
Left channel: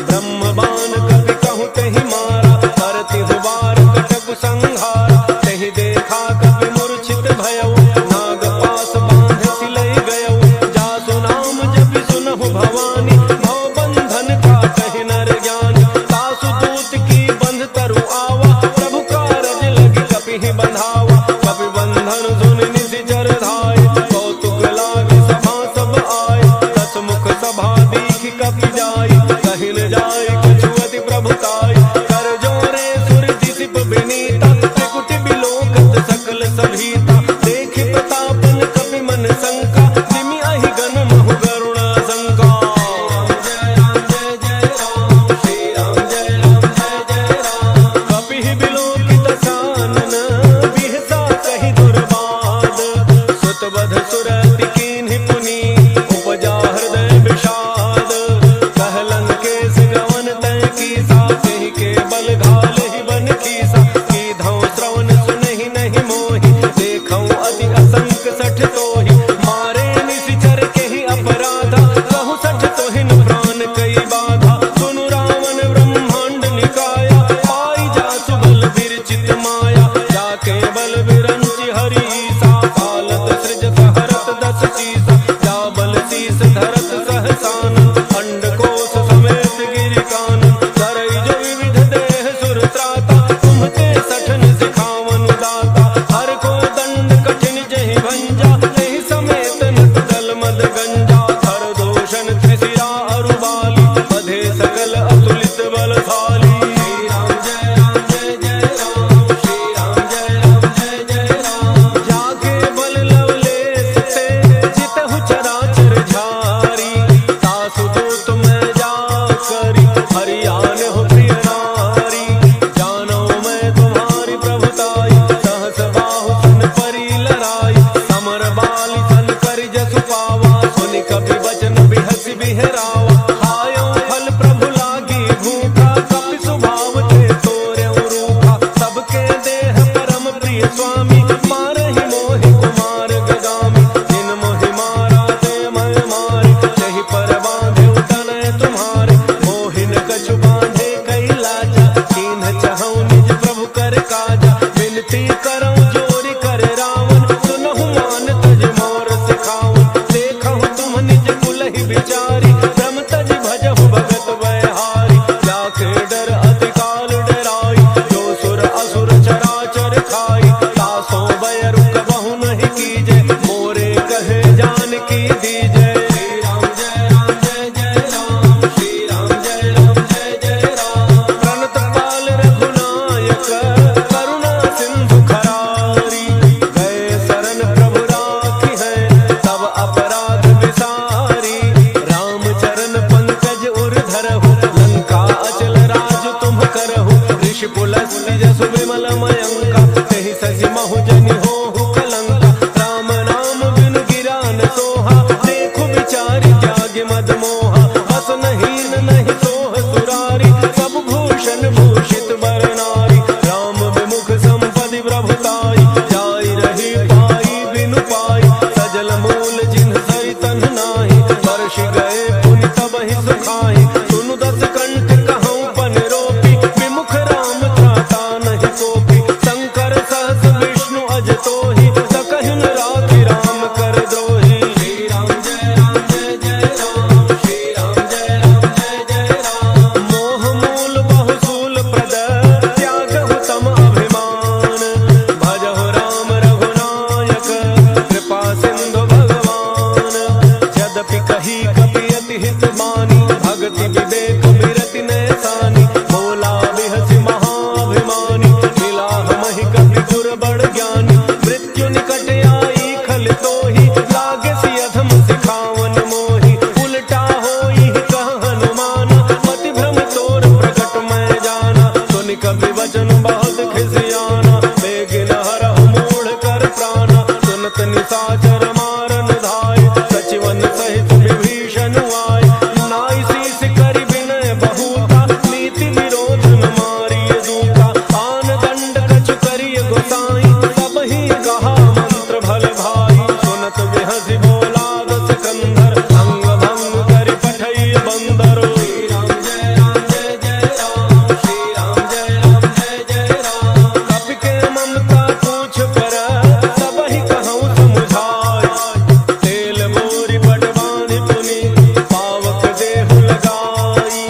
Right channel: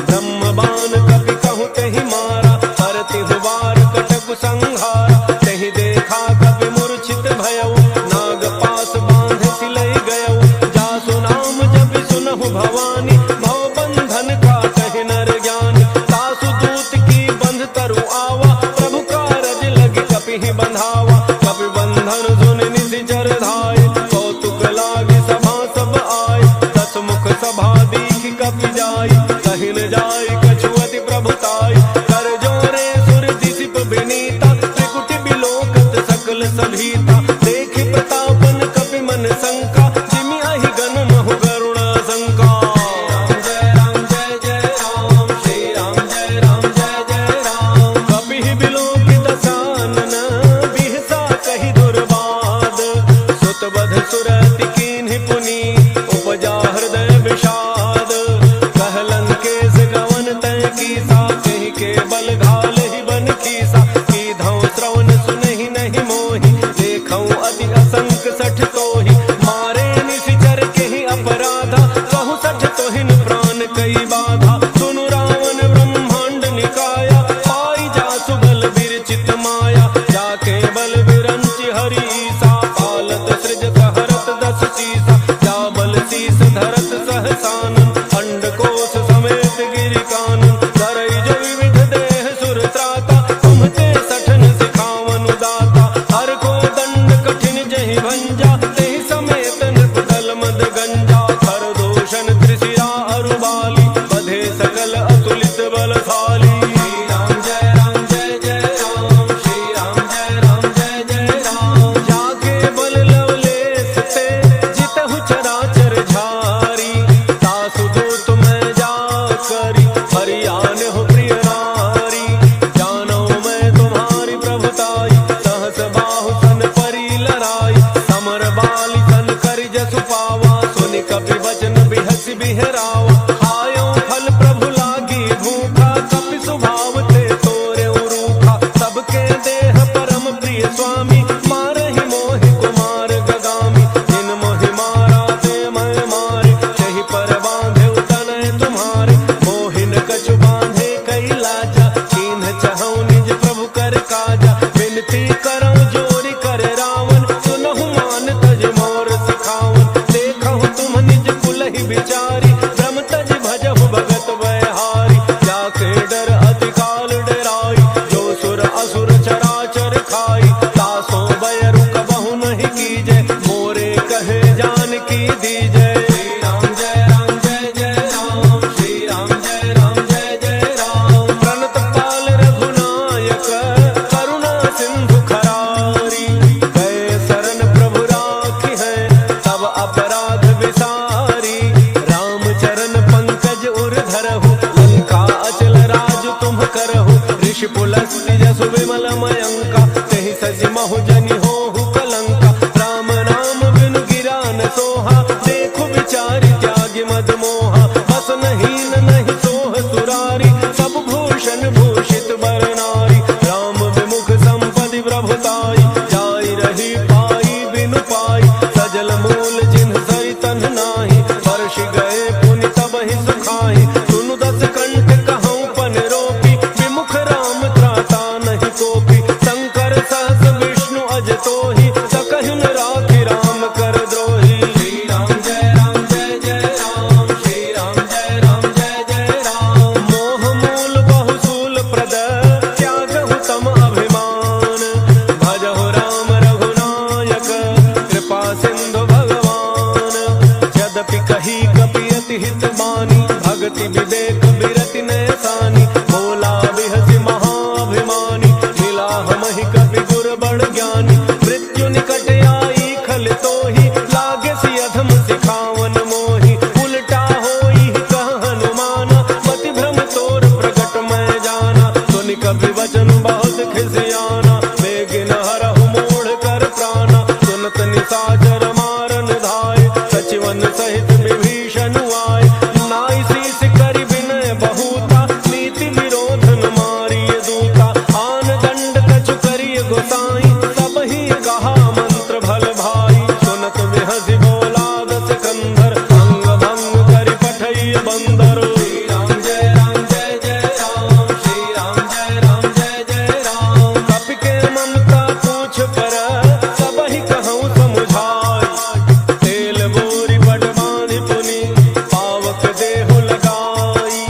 ब्रह्म बाण कपि कहु तहि मारा, परतिहु बार कटकु संहारा। तहि देखा कपि मूर्छित भयउ, नाग पास बांध सिलई गयउ। जासु नाम जपि सुनहु भवानी, भव बंधन काटहि नर ज्ञानी। तासु दूत की बंध तरु आवा, प्रभु कारज लगी कपिहि बंधावा। कपि बंधन सुनि निशिचर धाय, कौतुक लागी सभा सब आय। दस मुख सभा दीखि कपि जाई, कहि न जाय कछु अति प्रभुताई। कर जोरे सुर दिसिप विनीता, त्रिकुटि बिलोकत सकल सभीता। देखि प्रतापन कपि मन शंका, जिमि अहि गन महु करुणा शंका। कपिहि बिलोकि दसानन, बिहसा कहि दुर्बाद। सुत बध सुरति कीन्हि पुनि, उपजा हृदय विषाद। कहलन केस गवन तय कीसा, कहि के बल घालहि बन खीसा। कीधौ श्रवण सुनहि नहीं मोहि, देखौ अति असंक सठ तोहि। मारे निशिचर केहि अपराधा, कहु सठ तोहिन प्राण कई बाधा। सुनु रावण ब्रह्मांड निकाया, पाई जासु बल विरचित माया। जाके बल विरंचि हरीसा, पालत सृजत हरत दस शीसा। जा बल शीस धरत सहसानन, अंडकोश समेत गिरि कानन। धरई जो विविध देह सुर त्राता, तुम्हते सठन सिखावन दाता। हर को दंड कठिन जहि भंजा, तेहि समेत नट दल मद गंजा। खर दोषण त्रिशिरा अरुबाली, बधे सकल अतुलित बलशाली। जाके बल लवलेश ते, जितहु चराचर झारी। तासु दूत मैं जा करी, हरियान हो प्रिय नारी। जानो मैं तुम्हारी प्रभुताई, सहस बाहु सन परी लराई। समर बाली सन करि जसु पावा, सुनि कपि वचन बिहसि बिहरावा। खायो फल प्रभु लागी भूखा, कपि स्वभाव ते तोरेउ रूखा। सबके देह परम प्रिय स्वामी, मारहि मोहि कुमार गगामी। जिन मोहि मारा ते मैं मारे, तहि पर बांधे तनय तुम्हारे। मोहिन कछु बांधे कई लाजा, कीन्ह चहु निज प्रभु कर काजा। विनती करऊं जोरी कर रावण, सुनहु मान तज मोर सिखावन। देखहु तुम निज कुलहि बिचारी, ब्रह्म तज भजहु भगत बयहारी। जाके डर अति काल डराई, जो सुर असुर चराचर खाई। तासो बयरु कबहु नहीं कीजे, मोरे कहे जान की दीजे। प्रणत पाल रघुनायक, करुणा सिंधु खरारी। गए शरण प्रभु राखी है, तब अपराध विसारी। राम चरण पंकज उर धरहु, लंका अचल राज तुम करहु। ऋषि पुलस्त्य जसु विमल मयंका, तेहि शशि महु जनि होहु कलंका। राम नाम बिनु गिरा न सोहा, देखु विचारि त्यागि मद मोहा। बस भूषण भूषित बर नारी, राम विमुख संपदि प्रभुताई, जाई रही पाई बिनु पाई, सजल मूल जिन्ह सरि तन्ह नाही, वर्षि गए पुनि तबहि सुखाई, सुनु दस कंठ कहूँ पन रोपी, विमुख राम त्राता नहीं कोपी, शंकर सहस विष्णु अज तोहि, सकहि न राखि राम कर द्रोही। मोह मूल बहुसूल प्रद त्यागहु तम अभिमान, भजहु राम रघुनायक कृपा सिंधु भगवान, यद्यपि कही कपि अति हित बानी, भगति विवेक बिरति नैसानी, बोला बिहसि महाभिमानी, मिला हमहि कपि गुर बड़ ज्ञानी, मृत्यु निकट आई खल तोहि, लागे सि अधम सिखावन मोहि, उल्टा होई कह हनुमान, मति भ्रम तोर प्रगट मैं जाना, सुनि कपि वचन बहुत खिसियाना, बेगिन हरहु मूढ़ कर प्राणा, सुनत निशाचर मारन धाय, सचिवन सहित विभीषण आए, नाई शीस करि विनय बहुता, नीति विरोध न मारिय दूता, आन दंड कछु करिय गोसाई, सब ही कहा मंत्र भल भाई, सुनत बिहसि बोला दस कंधर, अंग भंग करि पठैय बंदर। कपि के ममता पूछ पर सब ही कहूँ समुझाई, तेल बोरी पट बांधि पुनि पावक देहु लगाई,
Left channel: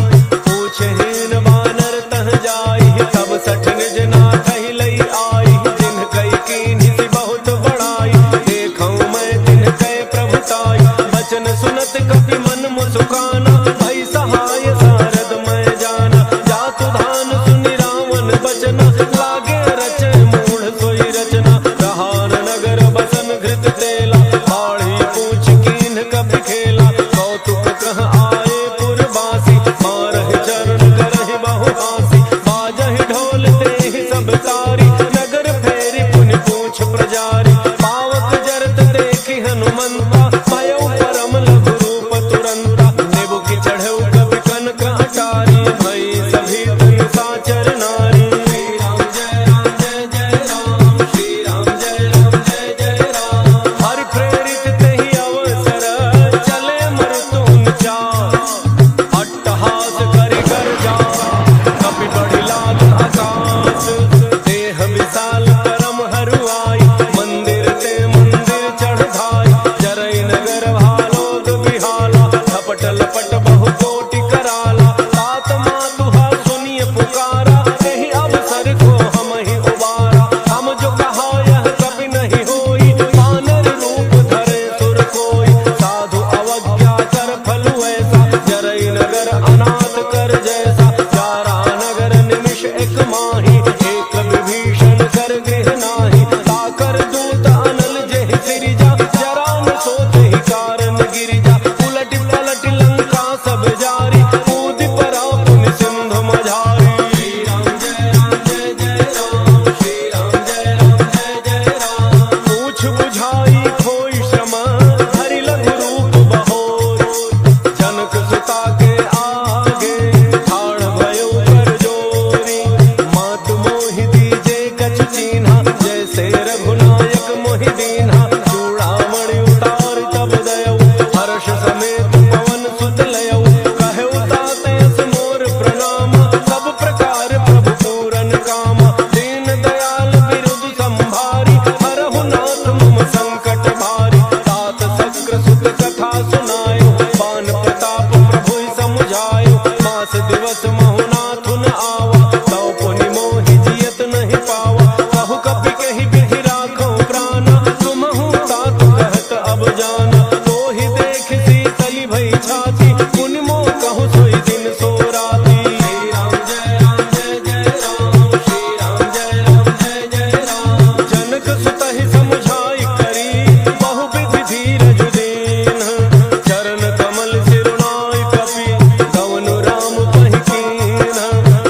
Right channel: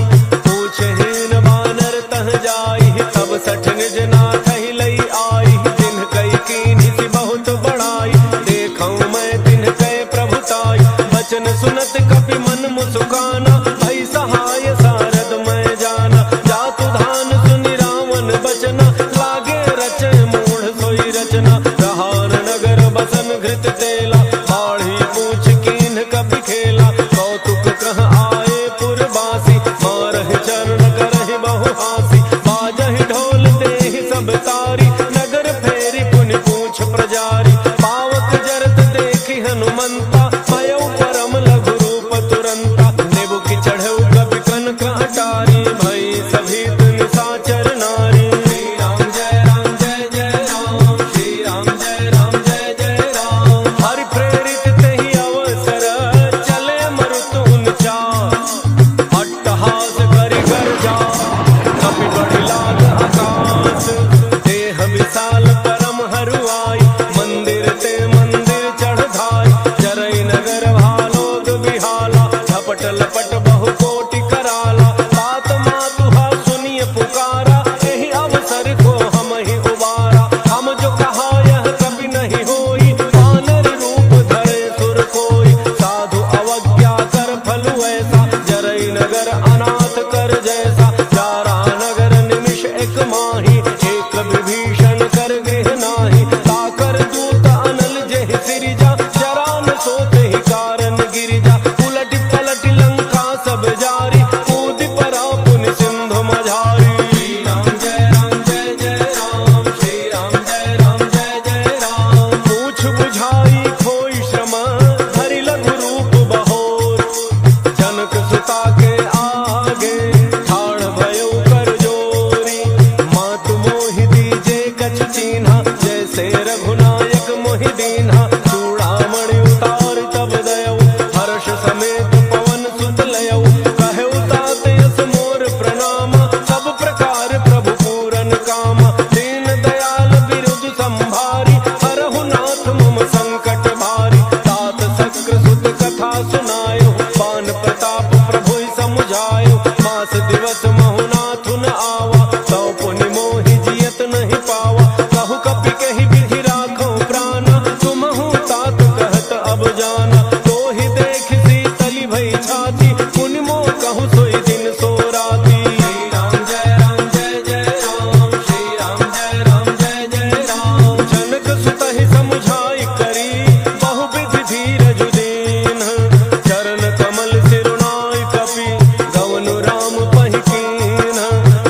पूछहीन बानर तह जाई, तब सठ निज नाथ ही लई आई, जिन्ह कई कीन्हि सि बहुत बड़ाई, देखऊँ मैं तिन्ह कै प्रभुताई, बचन सुनत कपि मन मुसुकाना, भई सहाय सारद मैं जाना, जातु धान सुनि रावण बचना, लागे रचै मूढ़ सोई रचना, रहान नगर बसन घृत तेला, बाढ़ी पूछ कीन्ह कपि खेला, कौतुक कह आए पुरवासी, मारहि चरण करहि बहु हासी, बाजहि ढोल देहि सब तारी, नगर फेरि पुनि पूछ प्रजारी, पावक जरत देखि हनुमंता, भयउ परम लघु रूप तुरंता, नेबु की चढ़ऊ कपि कनक अटारी, भई सभी निशाचर नारी। हरि प्रेरित तेहि अवसर, चले मरुतुन चार, अट्टहास करि गर्जा, कपि बढ़ि लाग आकाश, देह विशाल परम हरुआई, मंदिर ते मंदिर चढ़ धाई, जरई नगर भालोग बिहाला, झपट लपट बहु कोटि कराला, तात मातुहा सुनिय पुकारा, एहि अवसर को हम ही उबारा, हम जो कहा यह कभी नहीं होई, वानर रूप धरे सुर कोई, साधु अवज्ञा कर फलु ऐसा, जरई नगर अनाथ कर जैसा, जारा नगर निमिष एक माही, एक विभीषण कर गृह नाही, ताकर दूत अनल जेहि सिरिजा, जरा न सोते ही कारण गिरिजा, उलट पलट लंका सब जारी, कूद परा पुनि सिंधु मझारी। पूछ बुझाई खोई श्रम, धरि लघु रूप बहोर, जनक सुता के आगे ठाड़ भयउ कर जोरी, मातु मोहि दीजे कछु चीन्हा, जैसे रघुनायक मोहि दीन्हा, चूड़ामणि उतार तब दयऊ, हर्ष समेत पवन सुत लयऊ, कहऊ तात यस मोर प्रणामा, सब प्रकार प्रभु पूरन कामा, दीन दयाल बिरुद संभारी, हरहु नाथ मम संकट भारी, तात शक्र सुत कथा सुनायो, बान प्रताप प्रभु समुझायो, मास दिवस महु नाथु न आवा, तौ पुनि मोहि जियत नहीं पावा, कहु कपि कहि विधि राखो प्राणा, तुमहु तात कहत अब जाना, तो ही देख शीतली भई छाती, पुनि मोह कहु सोई दिन सो राती। जनक सुत ही समुझाई करी, बहु विधि धीरज दीन, चरण कमल सिरुनाई कपि, गवनु राम पहि कीन्ह,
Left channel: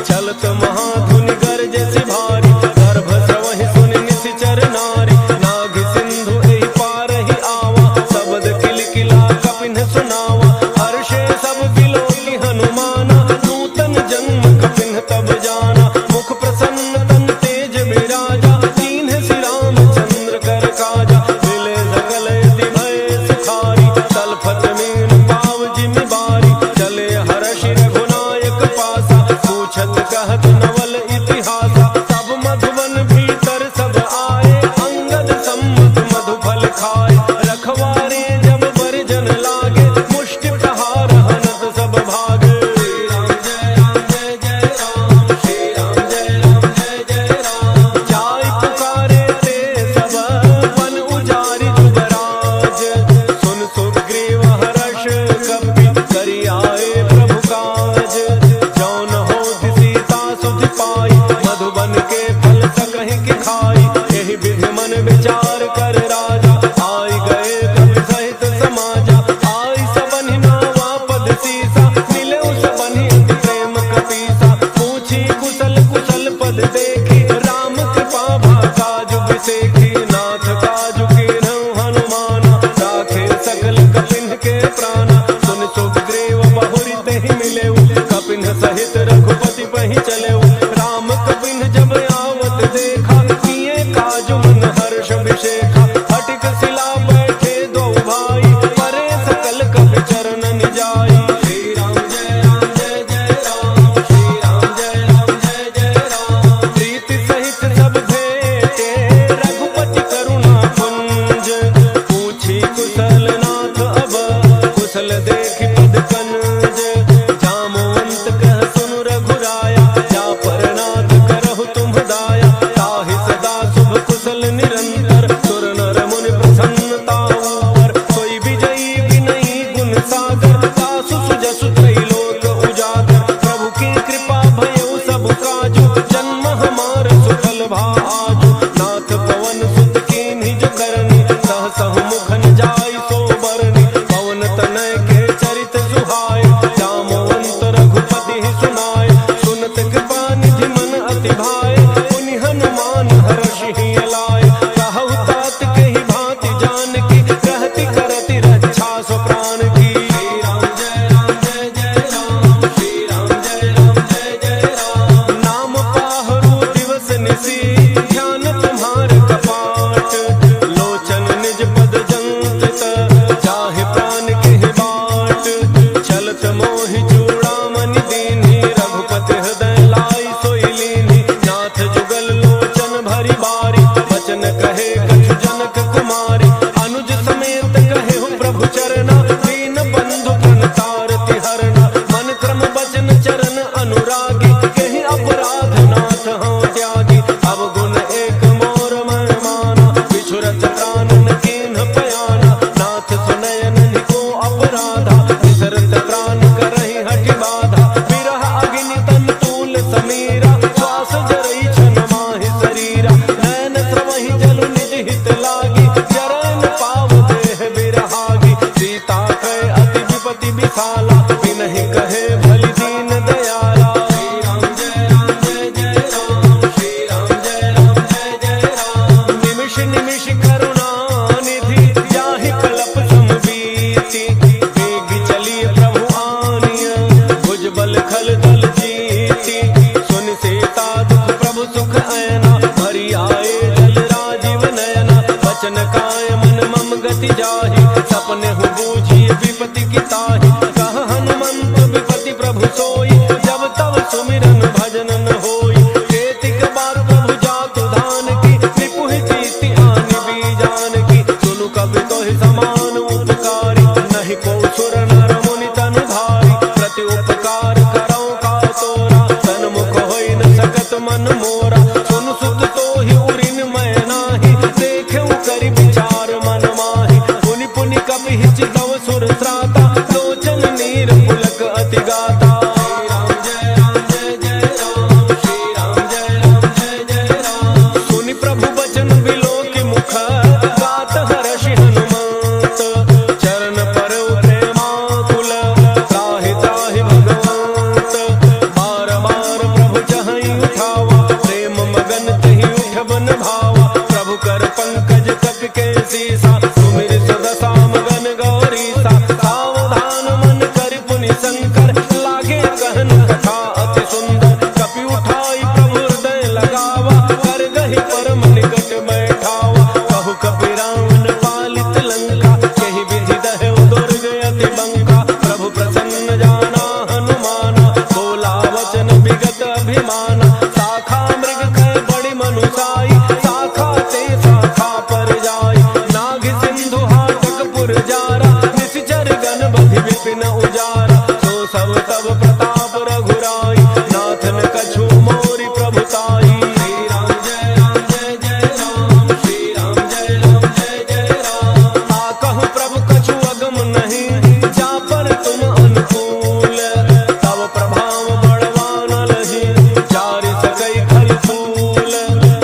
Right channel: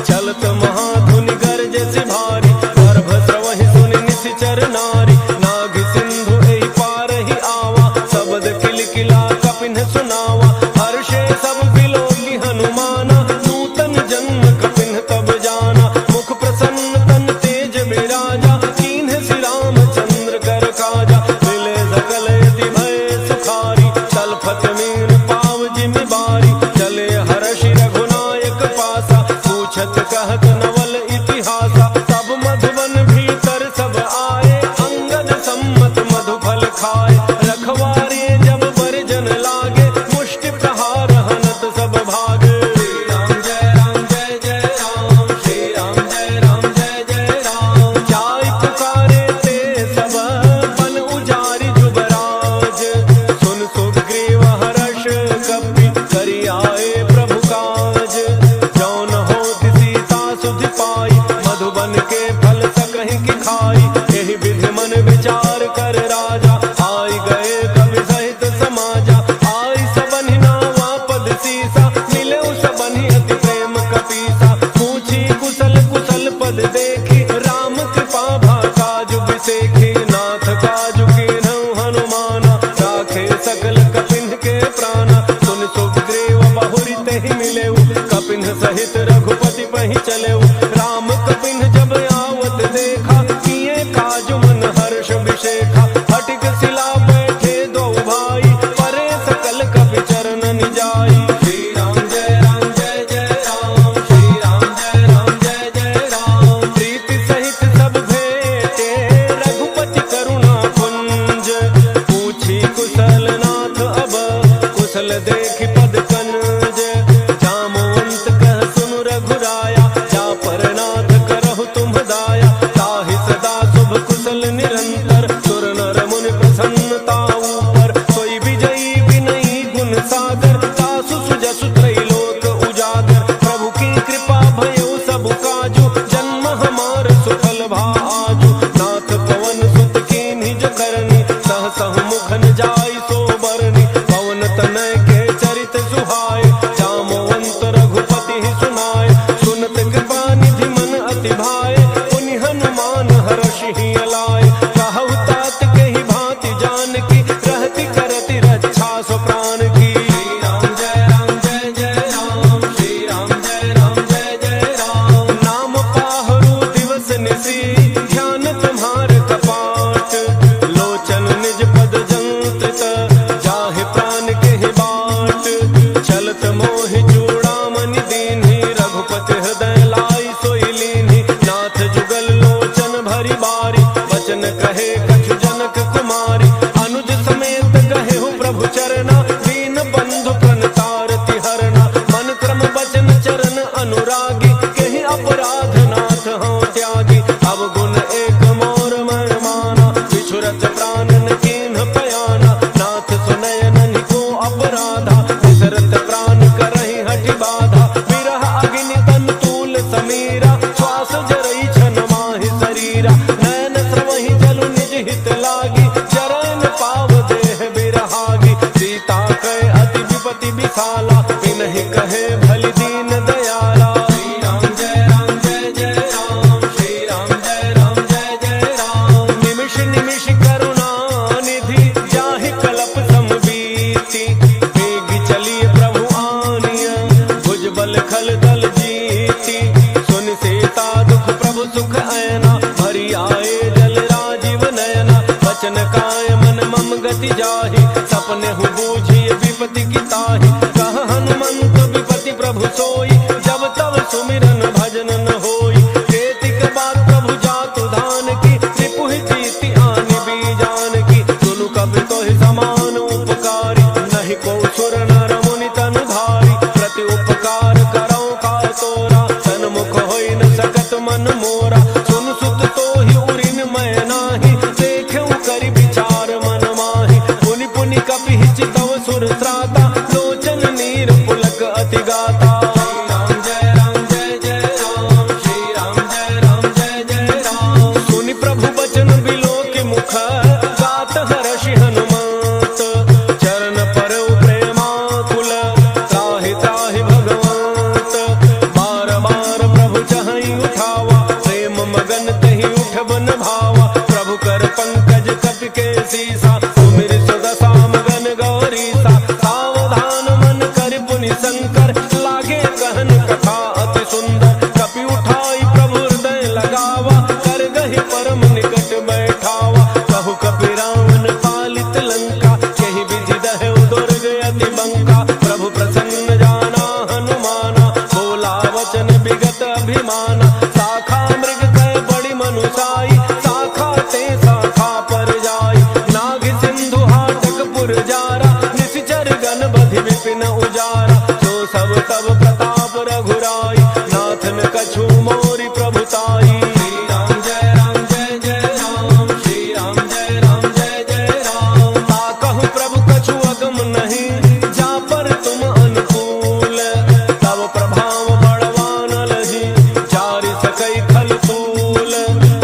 चलत महाधुनि गरजसि भारी, गर्भ स्रवहि सुनि निशिचर नारी, नाग सिंधु एहि पारहि आवा, शब्द किलकिला कपिन सुनावा, हर्षे सब बिलोकि हनुमाना, बारी, चले हर्षि रघुनायक पासा, पूछत कहत नवल इतिहासा। तब मधुबन भीतर सब आए, अंगद सम्मत मधुफल खाए। रखवारे जब बरजन लागे, मुष्टि प्रहार हनत सब भागे। राम जय राम जय जय राम, श्री राम जय राम जय जय राम। जाय पुकारे ते सब, बन उजारि जुबराज। सुन सुग्रीव हर्ष कपि, करि आए प्रभु काज। जौन होत सीता सुधि पाई, मधुबन के फल सकहि की खाई। यही विधि मन विचार कर राजा, आई गए कवि सहित समाजा। आई सबनि नावा पद सीसा, मिले सबनि अति प्रेम कपीसा। पूछी कुशल कुशल पद देखी, राम कृपा भा काजु बिसेखी। नाथ काजु कीन्हु हनुमाना, राखे सकल कपिन के प्राणा। सुन सुग्रीव बहुरी तेहि मिलेउ, कपिन सहित रघुपति पहि चलेउ। राम कपिन जब आवत देखा, किए काजु मन हर्ष विशेखा। फटिक शिला बैठे दो भाई, परे सकल कपि चरण निजाई। श्री राम जय राम जय जय राम, श्री राम जय राम जय जय राम। प्रीति सहित सब भेटे, रघुपति करुणा पुंज। पूछी कुशल नाथ अब, कुशल देखि पद कनज। जामवंत कह सुनु रघुराया, जा पर नाथ करहु तुम दाया। ताहि सदा शुभ कुशल निरंतर, सुर नर मुनि प्रसन्नता ऊपर। सोई विजयी विनयी गुण सागर, तासु सुजसु त्रैलोक उजागर। प्रभु की कृपा भयउ सब काजु, जन्म हमार सुफल भाजु। नाथ पवन सुत कीन्ही जो करनी, सहसहु मुखन जाय सो बरनी। पवन तनय के चरित सुहाय, जामवंत रघुपति ही सुनाय। सुनत कृपा निधि मन अति भाए, पुनि हनुमान हर्षि ही अलाय। कहु तात के ही भांति जानकी, रहति करति रक्षा सो प्राण की। राम जय राम जय जय राम, श्री राम जय राम जय जय राम। नाम पाहरु दिवस निसी, ध्यान तुम्हार कपाट। लोचन निज पद जंकित, जाहि प्राण के ही बाट। चलत मोहि चूड़ामणि दीन्ही, रघुपति हृदय लाई सोई लीन्ही। नाथ जुगल लोचन भरी बारी, वचन कहे कछु जनक कुमारी। अनुज समेत कहे हो प्रभु चरना, दीन बंधु प्रणतारति हरना। मन क्रम वचन चरण अनुरागी, कहीं अपराध नाथ हो त्यागी। अब गुण एक मोर मन माना, बिछुरत प्राण न कीन्ह पयाना। नाथ सुनयन निको अपराधा, विसरत प्राण करहि हठि बाधा। विरह अग्नि तन तूल समीरा, श्वास जरई छन माहि शरीरा। नयन स्रवहि जलु निज हित लागी, जरन पाव देह बिरहागी। सीता कहे अति विपति विशाला, बिनहि कहे भली दीन दयाला। श्री राम जय राम जय जय राम, श्री राम जय राम जय जय राम। निमिष निमिष करुणा निधि, जाहि कलप समबीति। बेगी चलिए प्रभु आनिय, भुजबल खल दल जीती। सुन सीता दुख प्रभु सुख ऐना, भरी आए जल राजीव नयना। वचन काय मन मम गति जाहि, सपने हु बूझिए विपति की ताहि। कह हनुमंत विपति प्रभु सोई, जब तब सुमिरन भजन न होई। केतिक बात प्रभु जातु धान की, रिपुहि जीति आनि बीजान की। सुनु कवि तोहि समान उपकारी, नहीं को सुर नर मुनि तनु भारी। प्रति उपकार करौ का तोरा, तन मुख होई न सकत मन मोरा। सुन सुत तोहि उरिन मैं नाही, देखेउ करि विचार मन माहि। पुनि पुनि कपि चितव सुर त्राता, लोचन नीर पुलक अति गाता। राम जय राम जय जय राम, श्री राम जय राम जय जय राम। सुनि प्रभु बचन बिलो के मुख, गात हर्षि हनुमंत। चरण परौ प्रेमाकुल, त्राहि त्राहि भगवंत। बार बार प्रभु चहई उठावा, प्रेम मगन तहि उठब न भावा। प्रभु कर पंकज कपि के सीसा, सुमिर सदसा मगन गौरीसा। सावधान मन कर पुनि शंकर, लागे कहन कथा अति सुंदर। कपि उठाई प्रभु हृदय लगावा, कर गहि परम निकट बैठावा। कहु कपि रावण पालित लंका, यही विधि दहु दुर्ग अति बंका। प्रभु प्रसन्न अभिमाना। शाखा मृग कह बड़ी मनुसाई, शाखा ते शाखा पर जाई। नाग सिंधु हाटकपुर जारा, निश्चर गण बधि विपिन उजारा। सो सब तब प्रताप रघुराई, नाथन कछु मोरी प्रभुताई। नहीं जा पर तुम अनुकूल, तब प्रभाव बड़वान लही, जारि सकई खल फूल।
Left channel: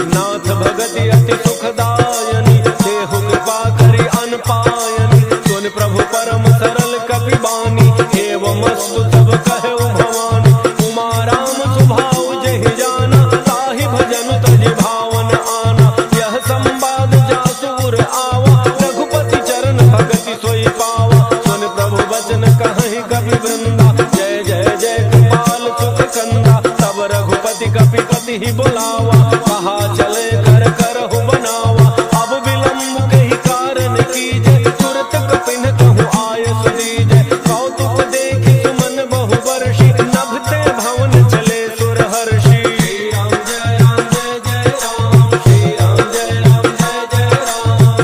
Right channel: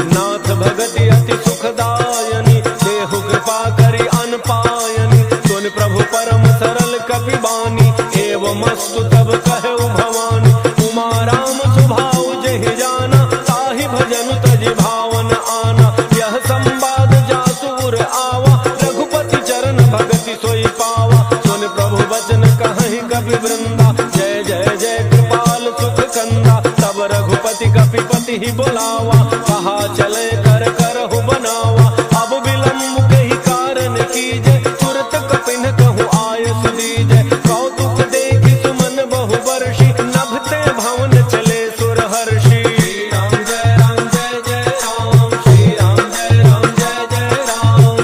नाथ भगति अति सुखदायनी, देहु कृपा करी अनपायनी। सुन प्रभु परम सरल कपि बानी, एवं मस्तु तब कहु भवानी। उमा राम सुभाव जहि जाना, ताहि भजन तजि भावन आना। यह संवाद जासुर आवा, रघुपति चरण भगति सोई पावा। सुन प्रभु वचन कहि कपि वृंदा, जय जय जय कृपाल सुख कंदा। तब रघुपति कपिपति ही बुलावा, कहा चले कर करहु बनावा। अब विलम्ब कही कारण कीजय, तुरत कपिन कहूँ आय सुदीजय। कौतुक देखि सुमन बहु वर्षि, नभते भवन चले सुर हर्षि।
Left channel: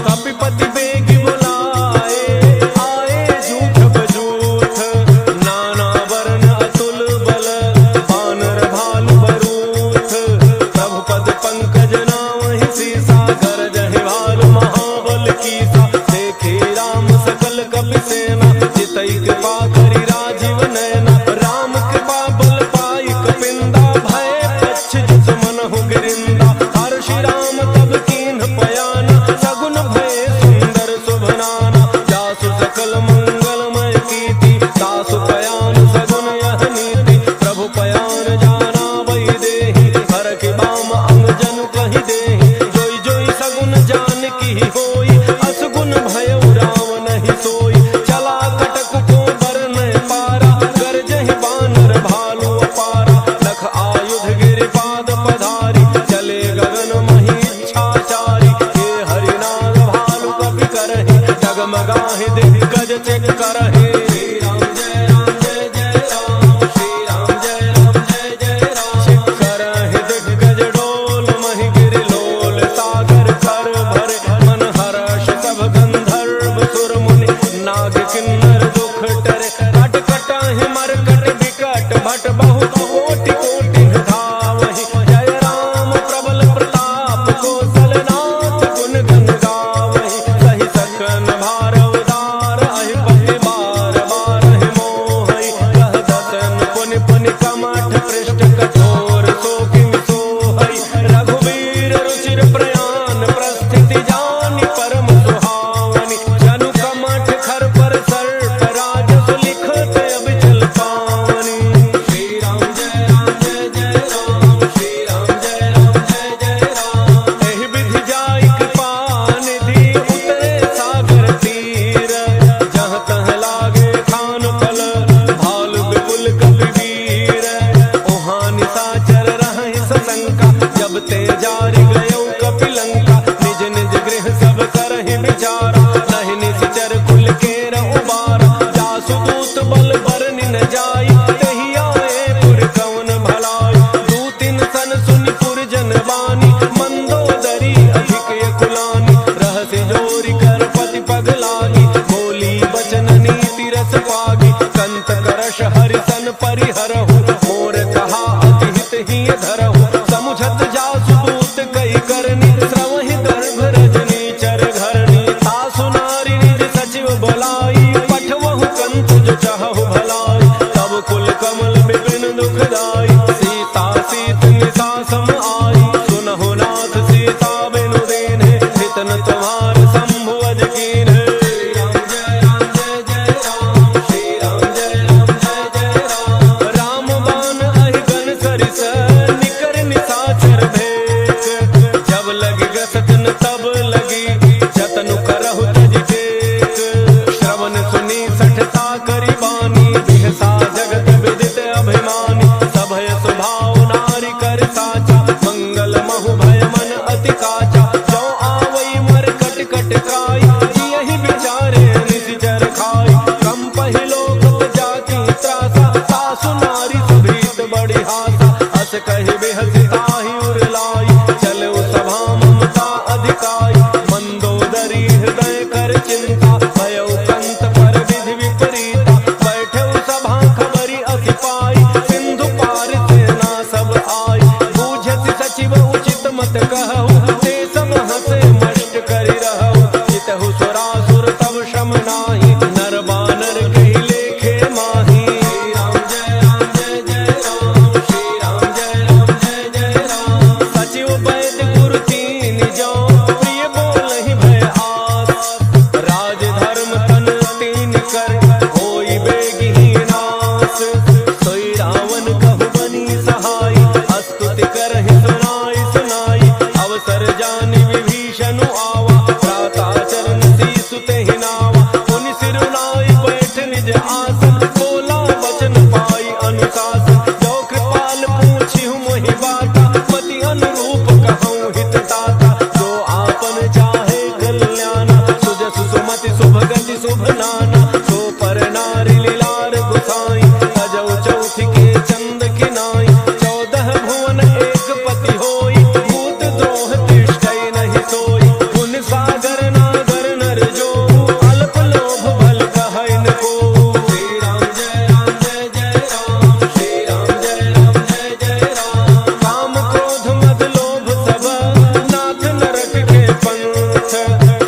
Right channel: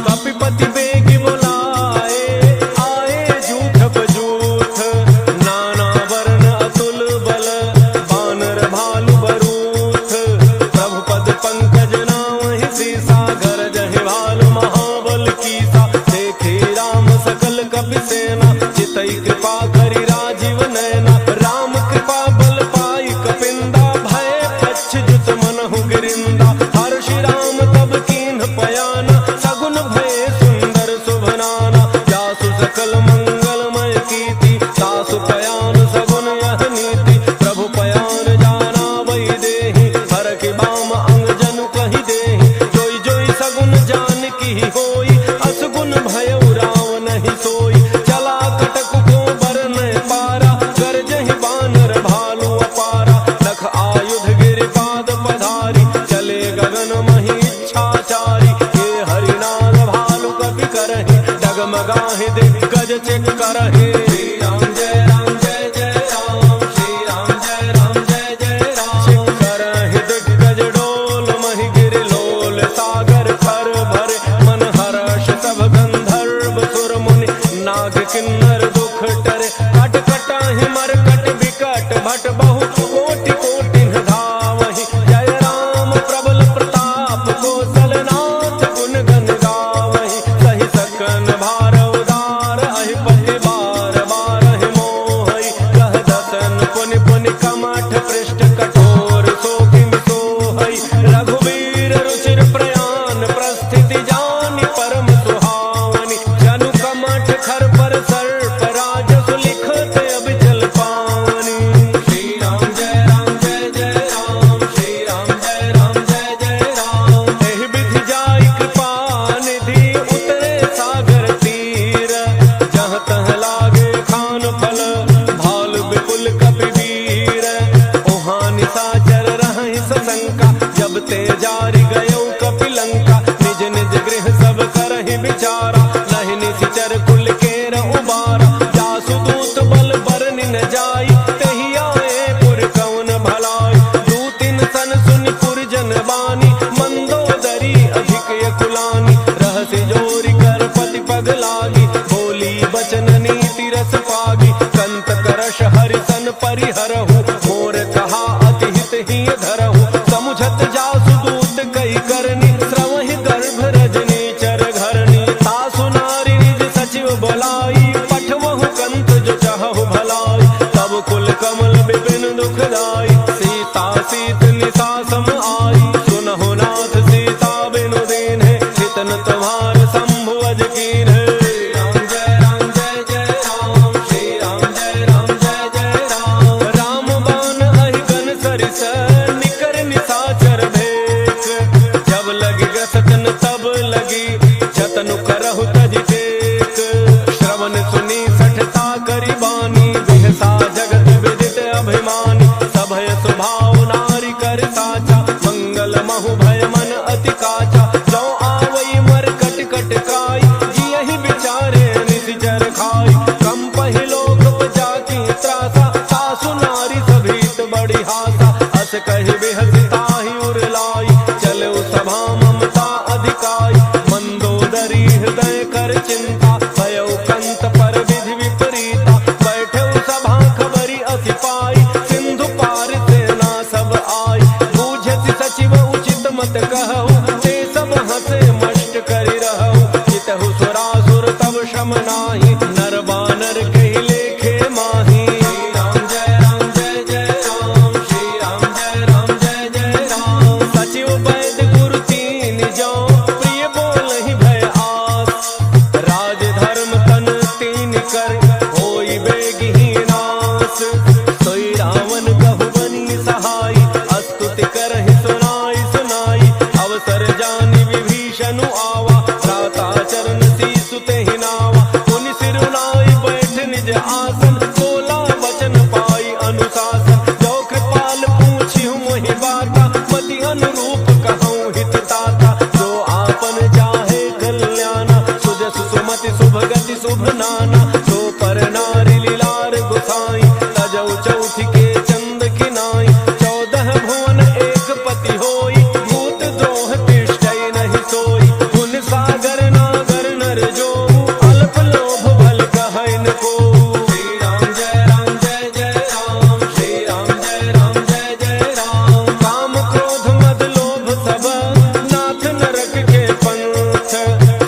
कपिपति बेगी बुलाए, आए जूठ बजूठ। नाना वर्ण अतुल बल, बानर भालु बरूथ। प्रभु पद पंकज नावहि सीसा, गरजहि भालु महाबल कीसा। देखे राम सकल कपि सेना, चितई कृपा करि राजीव नयना। राम कृपा बल पाई कपिंदा, भय पच्छ जुत मनहु गिरिंदा। हर्षि राम तब कीन्ह पयाना, सगुन भय सुंदर शुभनाना। जासु सकल मंगलमय कीर्ति, सासु पयान सगुन यह नीति। प्रभु पयान जाना वही देहि, हर के बाम अंग जनु कहि देहि। जोई जोई सगुन जान की होई, असगुन भयउ राम नहीं सोई। चला कटक को बरन पारा, गरजहि बानर भालु अपारा। लख आयुध गिरिपाद पधारी, चले गगन मही इच्छाचारी। हे हरिनाग भालु कपि करहि, डगमगाहि दिग्गज चेक करहि। चेक करहि दिग्गज डोल, महि गिरि लोल। सागर खर भरे मन हर्ष, सब गंधर्व सुर मुनि। नाग किन्नर दुख टरे, कट कटाहि मरकट विकट। भट बहु कोटि कोटि धावहि, जय राम प्रबल प्रताप। कौशलनाथ गुण गण गावहि, सहि सकन भार उदार। अहिपति बार बार मोहि, कह दसन पुनि पुनि कमठ पृष्ठ। कठोर सो किम सोहै, रघुवीर रुचिर प्रयान। प्रस्थिति जानि परम सुहावनी, जनु कमठ खर पर सर्प। राजसु लिखत अबिचल पावनी। एहि विधि जाई कृपा निधि, उतरे सागर तीर। जहाँ तहाँ लागे खान फल, भालु विपुल कपि वीर। ओहाँ निशाचर रहहि सशंका, जब ते जारि गयौ कपि लंका। निज निज गृह सब करहि विचारा, नहीं निश्चर कुल केर उबारा। जासु दूत बल बरनि न जाई, तहि आए पुर कौन भलाई। दूतिन सन सुनि पुर जन बानी, मंदोदरी अधिक यकुलानी। रहसि जोरि कर पति पग लागी, बोली बचन नीति रस पागी। कंत करश हरिसन परिहरहु, मोर कहा अति हित ही धरहु। समुझत जासु दूत कई करनी, श्रवहि गर्भ रजनी चर घरनी। तासु नारी निज सचिव बोलाई, पठवहु कंत जो चाहु भलाई। तब कुल कमल विपिन दुखदाई, सीता सीत निशा सम आई। सुनहु नाथ सीता बिनु दीन्हे, हितन तुम्हार शंभु अज कीन्हे। राम बान अहि गन सरिस, निकर निशाचर भेक। जब लगी गसतन तब लगी, जतनु करहु तज टेक। श्रवण सुनी सठता करी बानी, बिहसा जगत विदित अभिमानी। सभय स्वभाव नारी कर साचा, मंगल महु भय मन अति काचा। जो आवई मर कट कट काई, जियहि विचारे निशिचर खाई। कम पहिलोक जाकी त्रासा, सासु नारी सभीत बड़ी हासा। अस कहि बिहसिताहि उरलाई, चले सभा ममता अधिकाई। मंदोदरी हृदय कर चिंता, भयउ कंत पर विधि विपरीता। बैठे सभा खबरी अति पाई, सिंधु पार सेना सब आई। बूझति सचिव उचित मत कहु, ते सब हंसे मष्ट करि रहु। जितहु सुरासुर तब शम नाही, नर बानर कहि लेखे माही। राम जय राम जय जय राम, श्री राम जय राम जय जय राम। सचिव वैद्य गुरु तीन जो, प्रिय बोलहि भय आस। राज धर्म तन तीन कर, होई बेगहि नास। सोई रावण कहु बनी सहाई, स्तुति करहि सुनाई सुनाई। अवसर जानि विभीषण आवा, भ्राता चरण सीसु तेहि नावा। मुनि सिरुनाई बैठ निज आसन, बोला वचन पाई अनुशासन। जो कृपाल पूछिहु मोहि बाता, पति अनुरूप कहूँ हित ताता। जो आपन चाहे कल्याणा, सुजसु सुमति शुभ गति शुभ नाना। सो पर नारी लीलार गुसाई, तजौ चौथि के चंद किनाई। 14 भुवन एक पति होई, भूत द्रोह तिष्ठै नहीं सोई। पुन सागर नागर नर जो, अल्प लोभ भल कहै न को। श्री राम जय राम जय जय राम, श्री राम जय राम जय जय राम। काम क्रोध मद लोभ सब, नाथ नरक के पंथ।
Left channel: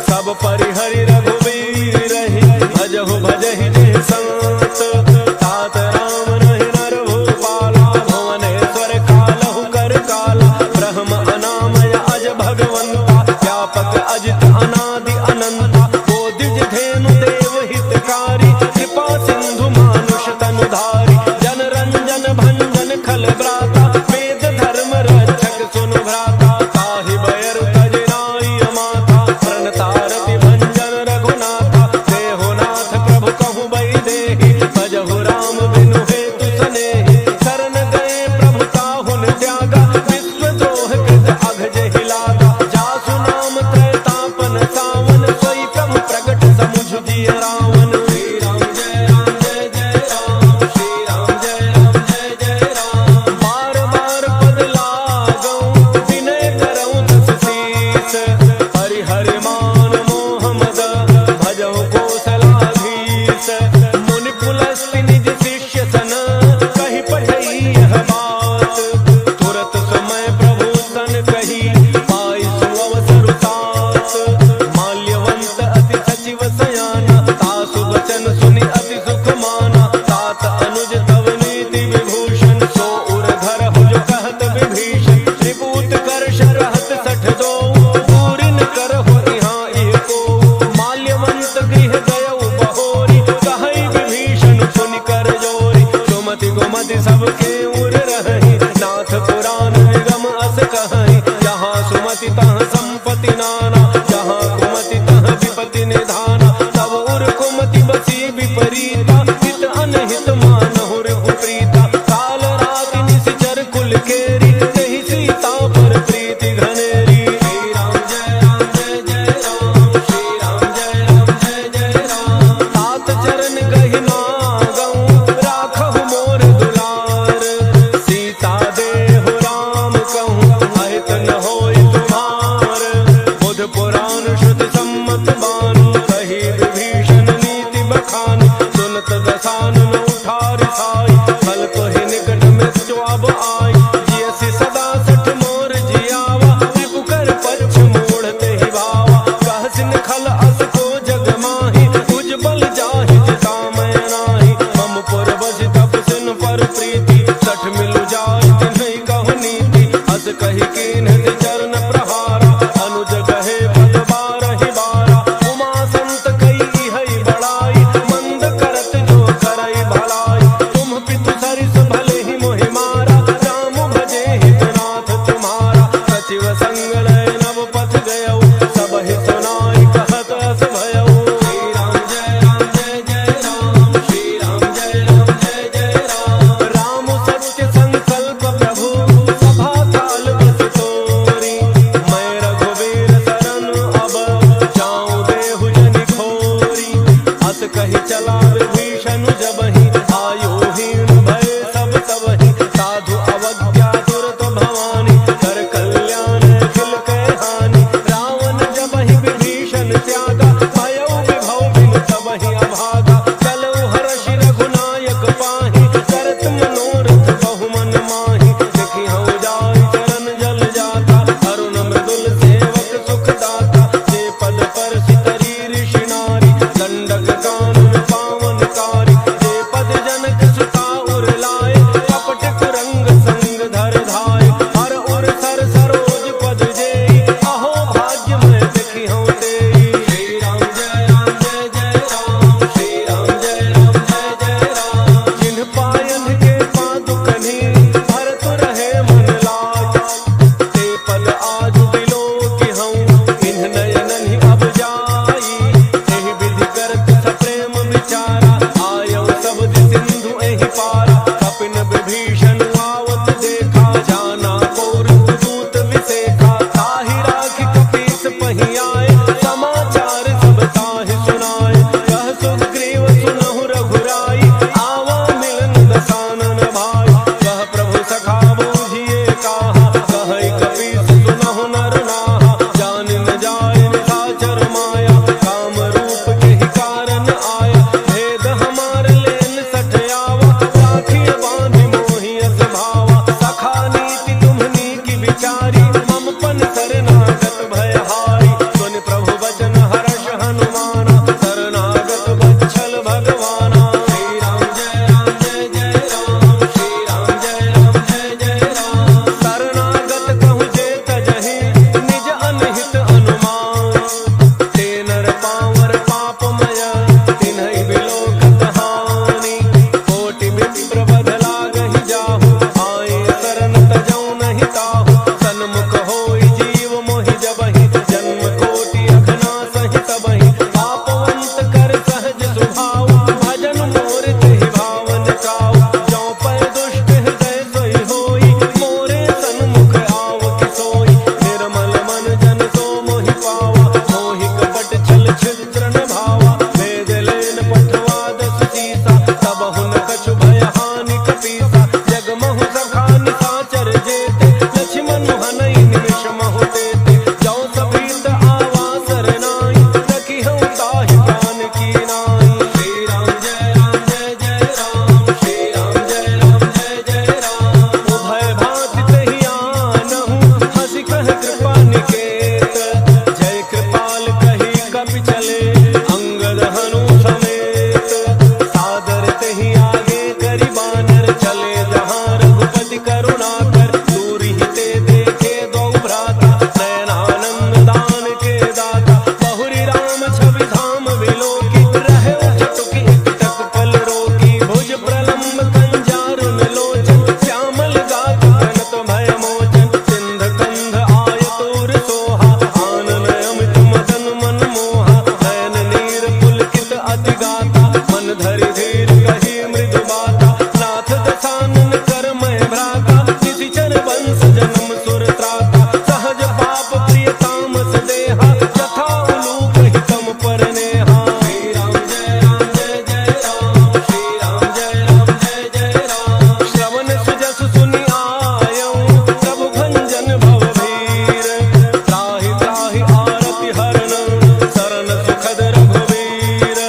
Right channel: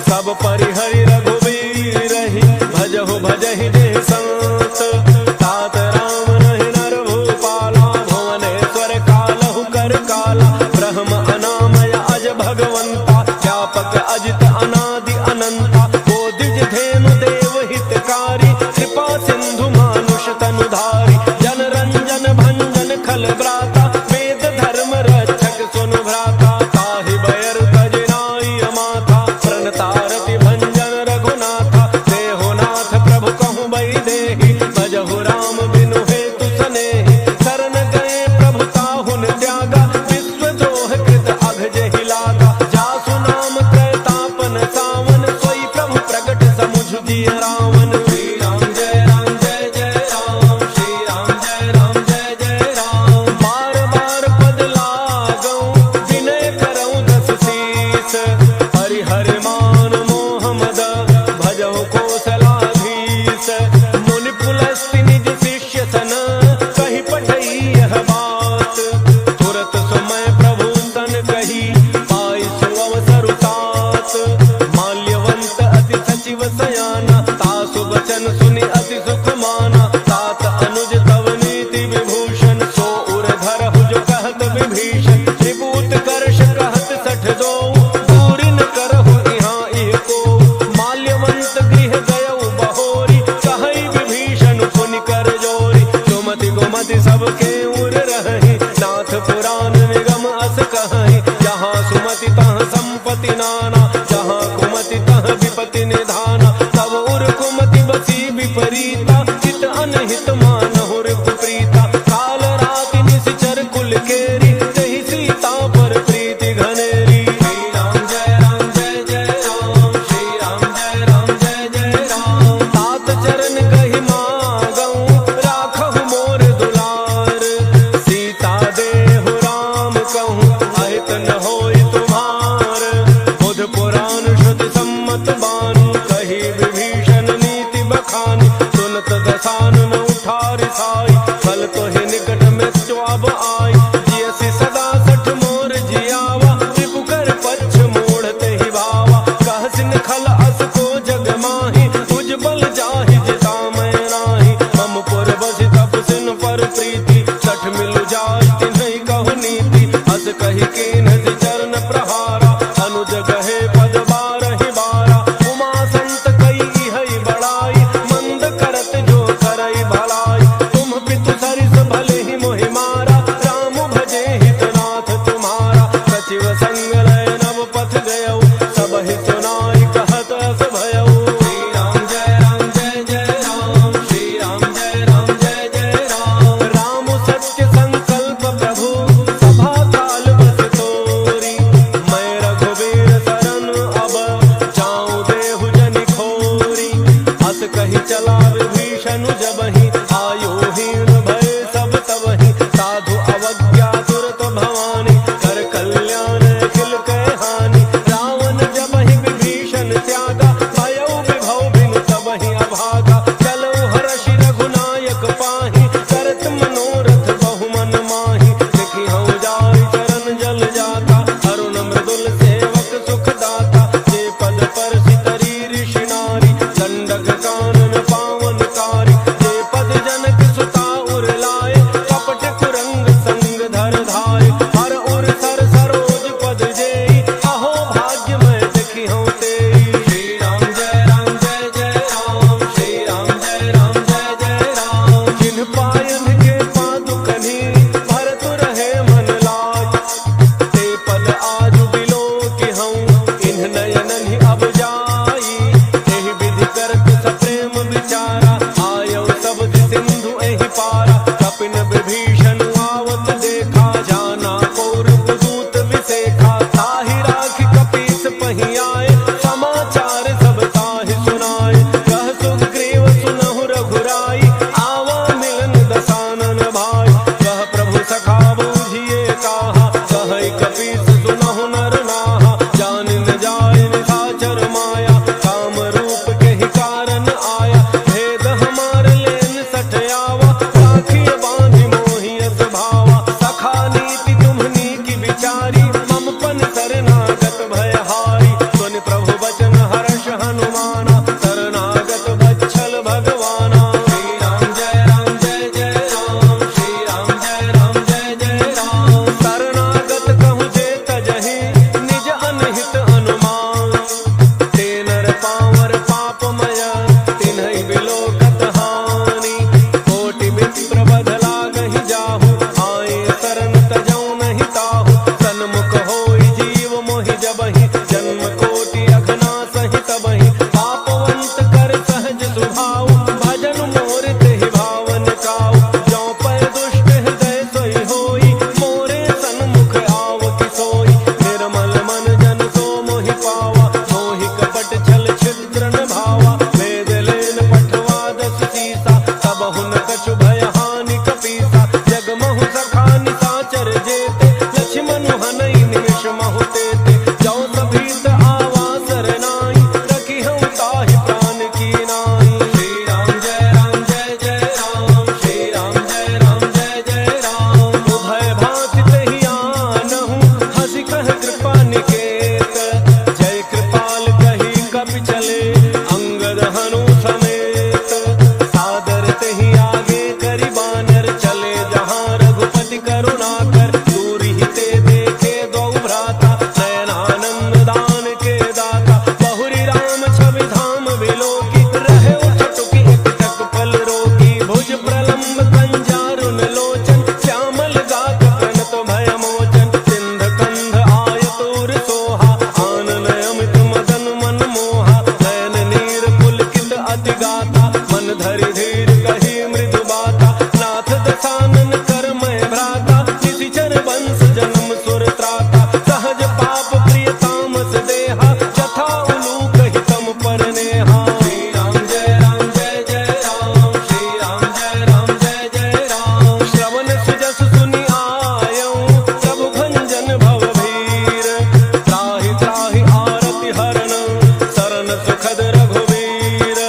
सब परिहरि रघुबीर रही, भजहु भजहि जे संत। तात राम नहीं नर भूपाला, भुवनेश्वर कालहु कर काला। ब्रह्म अनामय अज भगवंता, व्यापक अजित अनादि अनंता। वो द्विज धेनु देव हितकारी, कृपा सिंधु मानुष तनुधारी। जन रंजन भंजन खल ब्राता, वेद धर्म रक्षक सुनु भ्राता। ताहि बैर तजनाई अमाथा, प्रणतारति भंजन रघुनाथा। देहोनाथ प्रभु कहूँ बई देहि, भजहु राम बिनु हेतु सनेहि। शरण गए प्रभु ताहुन त्यागा, विश्व द्रोह कृत अघ जेहि लागा। जासु नाम त्रैतापन सावन, सोई प्रभु प्रगट समुझ जिय रावण। श्री राम जय राम जय जय राम, श्री राम जय राम जय जय राम। बार बार पद लागऊं, विनय करऊं दस शीस। हरिहर मान मोह मद, भजहु कौशलाधीश। मुनि पुलस्ति निज शिष्य सन, कहि पठई यह बात। तुरत समय प्रभु सन कही, पाई सुअवसर तात। माल्यवंत अति सचिव सयाना, तासु वचन सुनि अति सुख माना। तात अनुज तव नीति विभूषण, सो उर धरहु जो कहत विभीषण। त्रिभूत कर्ष कहत 62, दूरि न करहु इहाँ इह को। माल्यवंत गृह गयउ बहोरी, कहई विभीषण पुनि कर जोरी। सुमति गुमति सबके उर रही, नाथ पुराण निगम अस कहई। जहाँ सुमति तहाँ संपत्ति नाना, जहाँ कुमति तहाँ विपति निधाना। तब उर कुमति बसी विपरीता, हित अनहित मानहुर कुप्रीता। काल राति निश्चर कुल केरी, तेहि सीता पर प्रीति घनेरी। श्री राम जय राम जय जय राम, श्री राम जय राम जय जय राम। तात चरण गहि मागऊं, राखहु मोर दुलार। सीता देहु राम कहूँ, अहित न होई तुम्हार। बुध पुराण श्रुति सम्मत बानी, कही विभीषण नीति बखानी। सुनत दसानन उठारि साई, फल तो ही निकट मृत्यु अब आई। जियसि सदा सठ मोर जियावा, रिपु कर पच्छ मूढ़ते ही भावा। कहसिन खल अस को जग माही, उज्बल जाहि जिता मैं नाही। मम पुर बसि तपसिन पर प्रीति, सठ मिलु जाय तिन्हि कहु नीति। अस कहि कीन्ह चरण प्रहारा, अनुज गहे पद बारहि बारा। उमा संत कई हई बड़ाई, मंद करत जो करई भलाई। तुम पितु सरिस भले ही मोहि मारा, राम भजे हितनाथ तुम्हारा। सचिव संग लय नव पथ गयऊ, सब ही सुनाई कहत अस भयऊ। श्री राम जय राम जय जय राम, श्री राम जय राम जय जय राम। राम सत्य संकल्प प्रभु, सभा काल बस सुख पाही करत मनोरथ बहु मन माही देखी हूँ जाय चरण जल जाता अरुण मृदुल सेवक सुख दाता जे पद पर सितरी ऋषि नारी दंडक कानन पावन कारी जे पद जनक सुता उर लाए कपट कुरंग संग धर धाय हर उर सर सरोज पद जेई अहो भाग्य मैं देखी हूँ तेई श्री राम जय राम जय जय राम श्री राम जय राम जय जय राम जिन पायन के पादुकनी भरत रहे मन लाज ते पद आजु बिलो की हूँ इन्ह नयनन ही अब जाई एहि विधि करत सप्रेम विचारा आयो शब्द सिंधु एहि पारा कपिन विभीषण आवत देखा जाना कौरव दूत विसेखा ताहि राखि कपीस पही आए समाचार सब ताहि सुनाए कह सुग्रीव सुनहु रघुराई आवा मिलन दसानन भाई कह प्रभु सखा बूझिए कहा कह कपीस सुनहु नर नाहा जान न जाय निशाचर माया काम रूप के ही कारण आया भेद हमार लेन सठ आवा राखिय बांधि मोहियत भावा सखा नीति तुम्हनी की विचारी मम पन शरणागत भयहारी सुन प्रभु वचन हर्ष हनुमाना शरणागत बच्छल भगवाना श्री राम जय राम जय जय राम श्री राम जय राम जय जय राम शरणागत कहूँ जे तजहि निज अनहित अनुमान ते नर पावर पापमय तिन्हि बिलोकत हानि कोटि विप्र बध लागहि जाहु आए शरण तजौ नहीं ताहु सन्मुख होई जीव मोहि जबहि जन्म कोटि अघना सहि तबहि पापवंत कर सहज सुभाव भजन मोर तेहि भावन काऊ जौ पै दुष्ट हृदय सोई होई मोरे सन्मुख आव कि सोई निर्मल मन जन सो मोहि पावा मोहि कपट छल छिद्र न भावा वेद लेन पठवा दस सीसा तब हुन कछु भय हानि कपीसा जगमहु सखा निशाचर जेते लक्ष्मण हनई निमिष महु तेते जौ सभीत आवा सरनाई रखी हूँ ताहि प्राण की नाई श्री राम जय राम जय जय राम श्री राम जय राम जय जय राम उभय भांति तेहि आनहु हंसी कह कृपा निकेत जय कृपाल कही कपि चले अंगद हनु समेत सादर तेहि आगे करि बानर चले जहाँ रघुपति करुणा कर दूर ही ते देखे दो भ्राता नयनानंद दान के दाता बहुरी राम छवि धाम विलोकी रहे उठटुकी एक टक पल रोकी भुज प्रलम्ब कंजारुन लोचन श्यामल गात प्रणत भय मोचन सिंध कंध आयतुर सोहा आनन अमित मदन मन मोहा नयन नीर पुलकित अति गाता मन धरि धीर कही मृदु बाता नाथ दसानन कर मैं भ्राता निशिचर वंश जन्म सुर त्राता सहज पाप प्रिय तामस देहा जथा उलूक हितम पर नेहा श्री राम जय राम जय जय राम श्री राम जय राम जय जय राम श्रवण सुजस सुनि आयऊं प्रभु भंजन भव भीर त्राहि त्राहि आरति हरण शरण सुखद रघुवीर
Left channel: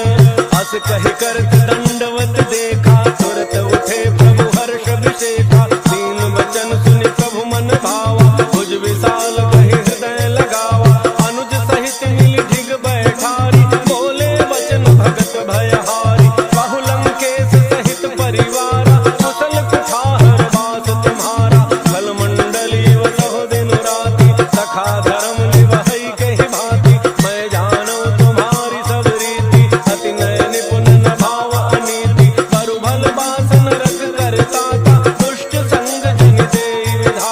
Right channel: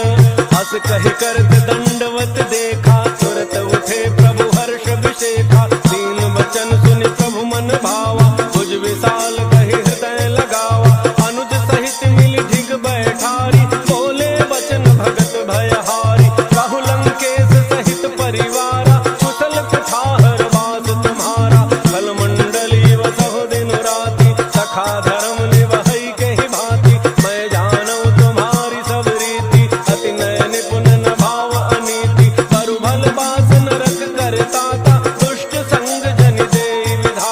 हस कहि करत दंडवत देखा तुरत उठे प्रभु हर्ष विशेखा दीन वचन सुनि प्रभु मन भावा भुज विशाल कहि हृदय लगावा अनुज सहित मिल ढिग बैठारी बोले वचन भगत भयहारी बहु लंकेश सहित परिवारा कुशल कुठार वास तुम्हारा कल मंडली वसहु दिन राति सखा धर्म निवहई कहि भांति मैं जानू तुम्हारी सब रीति अति नय निपुण न भाव अनीति परु भल बास नरक करता दुष्ट संग जन देई विधाता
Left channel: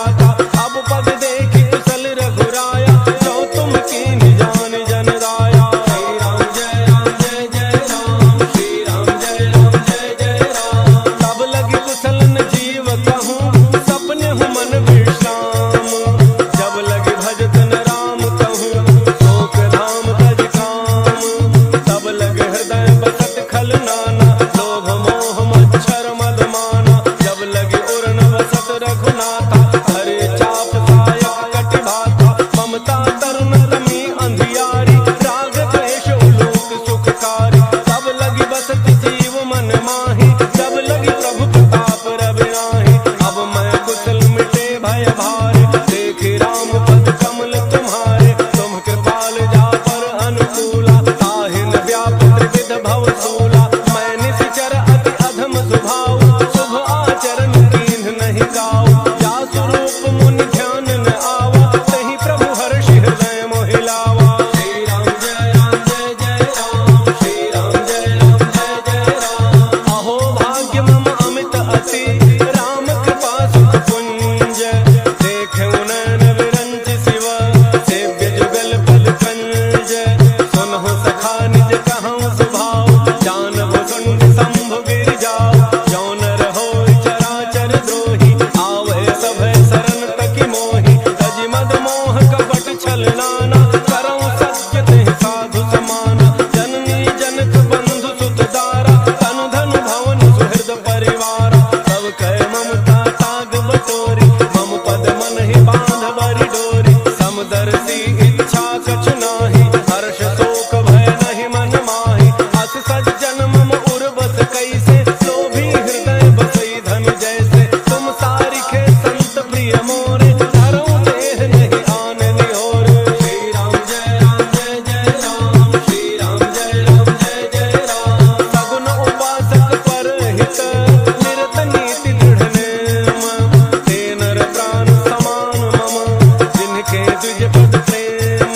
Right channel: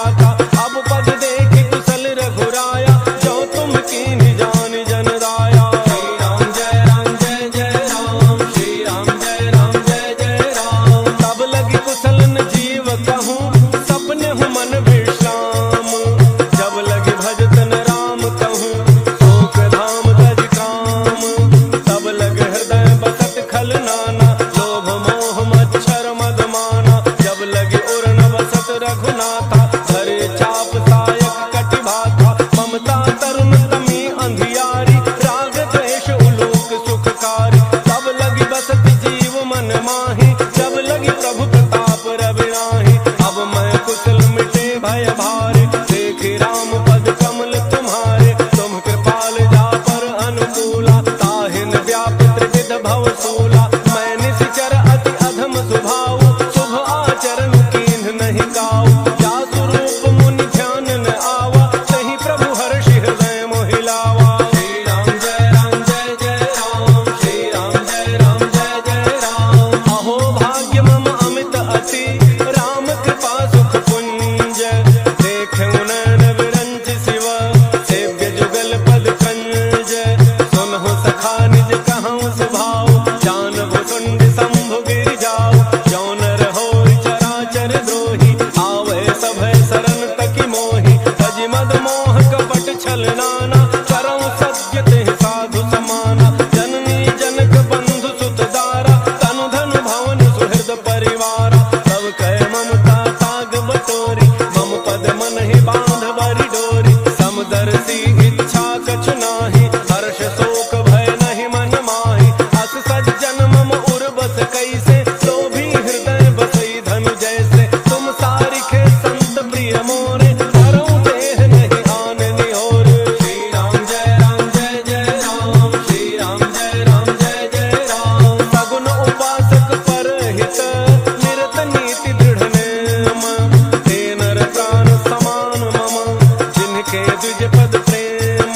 लगी प्रभु प्रताप रविनाहि। अब मैं कुशल मिटे भय भारे, देखे राम पद कमल तुम्हारे। तुम कृपाल जा पर अनुकूला, ताहिन व्याप त्रिविध भव सूला। मैं निश्चर अति अधम स्वभाव, शुभ आचरण कीन्ह नहीं काऊ। जा स्वरूप मुनि ध्यान न आवा, तहि प्रभु हर्षि हृदय मोहिलावा। श्री राम जय राम जय जय राम, श्री राम जय राम जय जय राम। अहो भाग्य मम अमित अति, राम कृपा सुख पुंज। देखे नयन विरंच शिव, सेव्य जुगल पद कंज। सुनहु सखा निज कहूँ सुभाव, जानबो सुंड शंभु गिर जाऊ। जौन रहो चराचर द्रोही, आवे सभय शरण तकी मोही। तज मद मोह कपट छल नाना, करऊँ सत्य तेहि साधु समाना। जननी जनक बंधु सुत दारा, तनु धनु भवन सुहृद परिवारा। सब कह ममता ताग बटोरी, मम पद मन ही बांध बरी डोरी। समदर्शी इच्छा कछु नाही, हर्ष शोक भय नहीं मन माही। अस सज्जन मम उर बस कैसे, लोभी हृदय बसई धन जैसे। तुम सारिखे संत प्रिय मोरे, धरऊँ देह नहीं आन निहोर। श्री राम जय राम जय जय राम, श्री राम जय राम जय जय राम। सगुन उपासक पर हित, निरत नीति दृढ़ नेम। ते नर प्राण समान मम, जिनके द्विज पद प्रेम।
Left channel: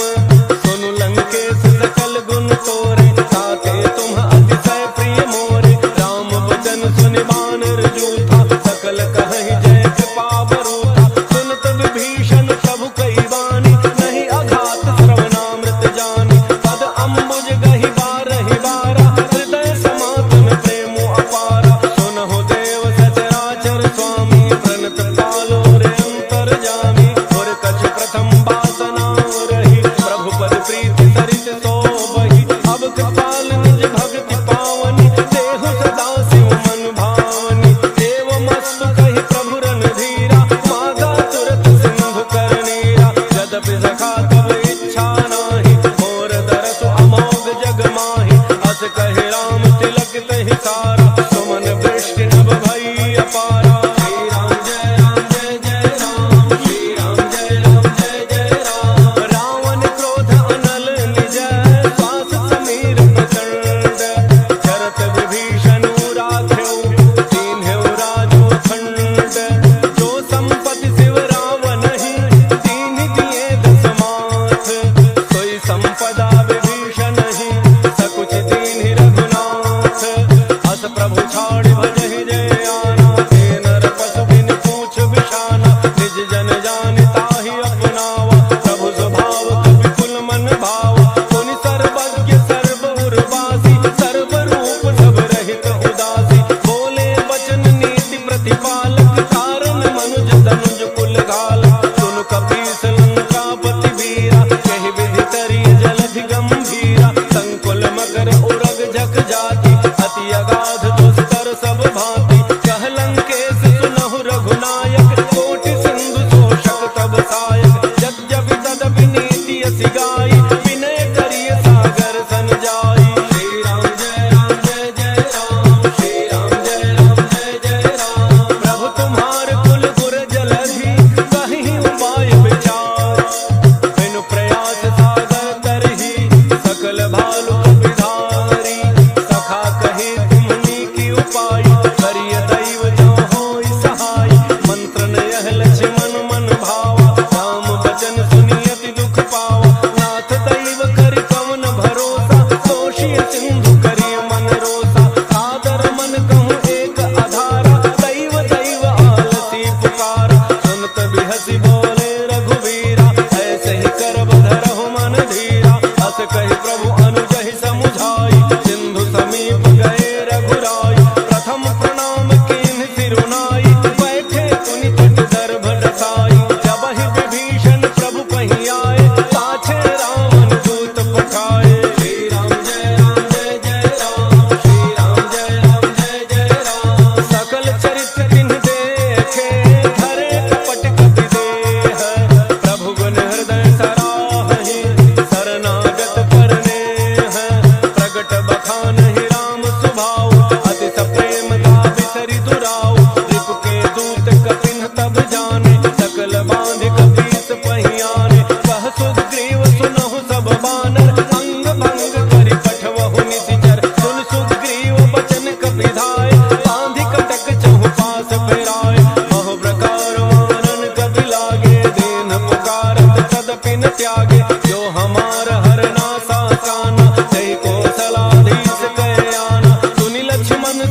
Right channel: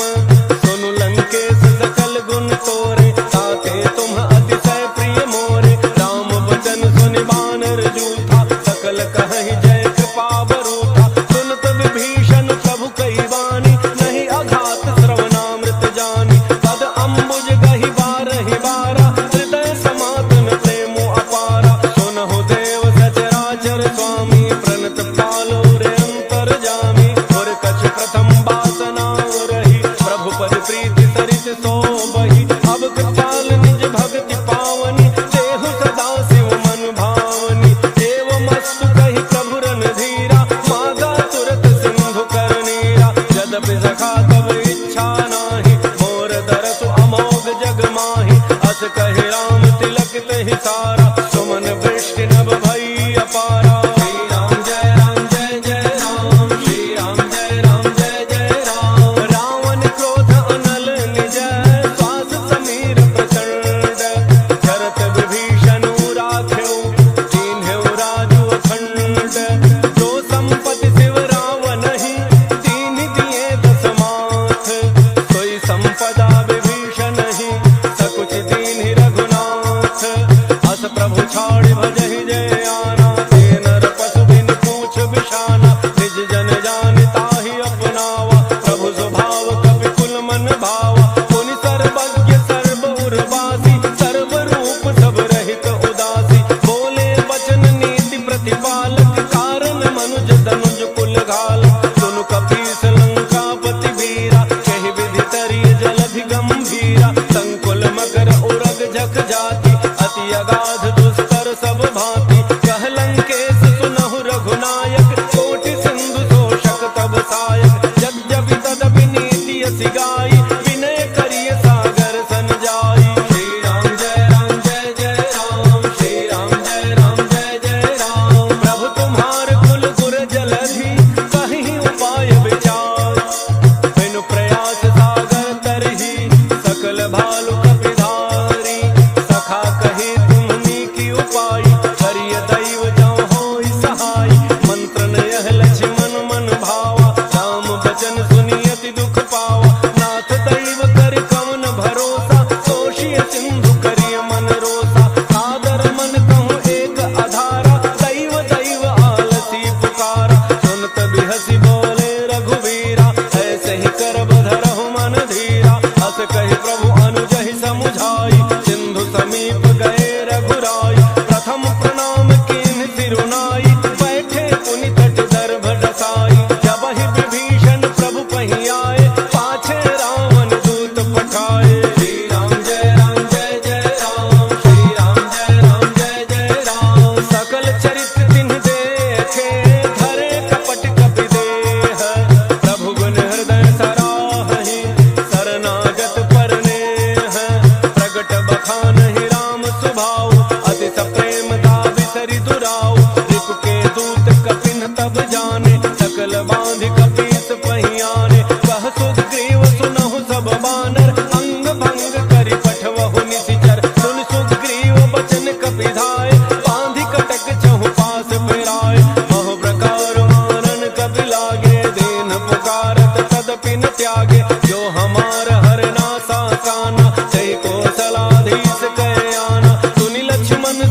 सुनु लंकेश सकल गुण तोरे, ताते तुम अतिशय प्रिय मोरे। राम वचन सुनि बानर जूथा, सकल कहहि जय कृपा बरूथा। सुनत विभीषण प्रभु कई बानी, नहीं अघात श्रवणामृत जानी। पद अम्बुज गहि बारहि बारा, हृदय समातन प्रेमो अपारा। सुनहु देव सचराचर स्वामी, प्रणत पालो रे अंतर जामी। और कछु प्रथम वासना रही, प्रभु पद प्रीति सरित सोबहि। अब कृपाल निज भक्ति पावनी, देहु सदा शिव मन भावनी। देव मस्तु कहि प्रभु रणधीरा, मागा तुरत सिंधु कर नीरा। यद्यपि सखा तब इच्छा नाही, मोर दरसु अमोघ जग माही। अस कहि राम तिलक तहि सारा, सुमन वृष्टि नभ भई अपारा। श्री राम जय राम जय जय राम, श्री राम जय राम जय जय राम। रावण क्रोध अनल निज, श्वास समीर प्रचंड। जरत विभीषण राख्यो, दीन्ह्यो राजु अखंड। जो संपत्ति शिव रावणहि, दीन्हि दिए दस माथ। सोई संपदा विभीषणहि, सकुच दीन्हि रघुनाथ। अस प्रभु छाड़ि भजहि जय आना, ते नर पशु बिन पूछ बिषाना। निज जन जानि ताहि अपनावा, प्रभु स्वभाव कपि कुल मन भावा। पुनि सर्वज्ञ सर्व उर्वासी, सर्व रूप सब रहित उदासी। बोले वचन नीति प्रतिपालक, कारण मनुज धनुज कुल घालक। सुनु कपीस लंकापति वीरा, कहि विधि तरिय जलधि गंभीरा। संकुल मकर उरग झक जाति, अति अगाध दुस्तर सब भांति। कह लंकेश सुनहु रघुनायक, कोटि सिंधु शोषक तब सायक। यद्यपि तदपि नीति अति गाई, विनय करिय सागर सन जाई। श्री राम जय राम जय जय राम, श्री राम जय राम जय जय राम। प्रभु तुम्हार कुल गुर जलधि, कहीं उपाय विचार। बिनु प्रयास सागर तरही, सकल भालु कपिधारी। सखा कही तुमनी की उपाय, करिय दैव जो होई सहाय। मंत्र न यह लक्ष्मण मन भावा, राम बचन सुनि अति दुख पावा। नाथ दैव कर कवन भरोसा, दोषी सिंधु करिय मन रोसा। सादर मन कहूँ एक आधारा, दैव दैव आलसी पुकारा। सुनत बिहसी बोले रघुवीरा, ऐसे ही करब धरहु मन धीरा। अस कहि प्रभु अनुजहि समुझाई, सिंधु समीप गए रघुराई। प्रथम प्रणाम कीन्ह सिरुनाई, बैठे पुनि तट दर्भ डसाई। जबहि विभीषण प्रभु पहि आए, पाछे रावण दूत पठाए। श्री राम जय राम जय जय राम, श्री राम जय राम जय जय राम। सकल चरित तिन्ह देखे, धरे कपट कपि देह। प्रभु गुण हृदय सराहहि, शरणागत परनेह। प्रगट बखान ही राम स्वभाव, अति सप्रेम दाविस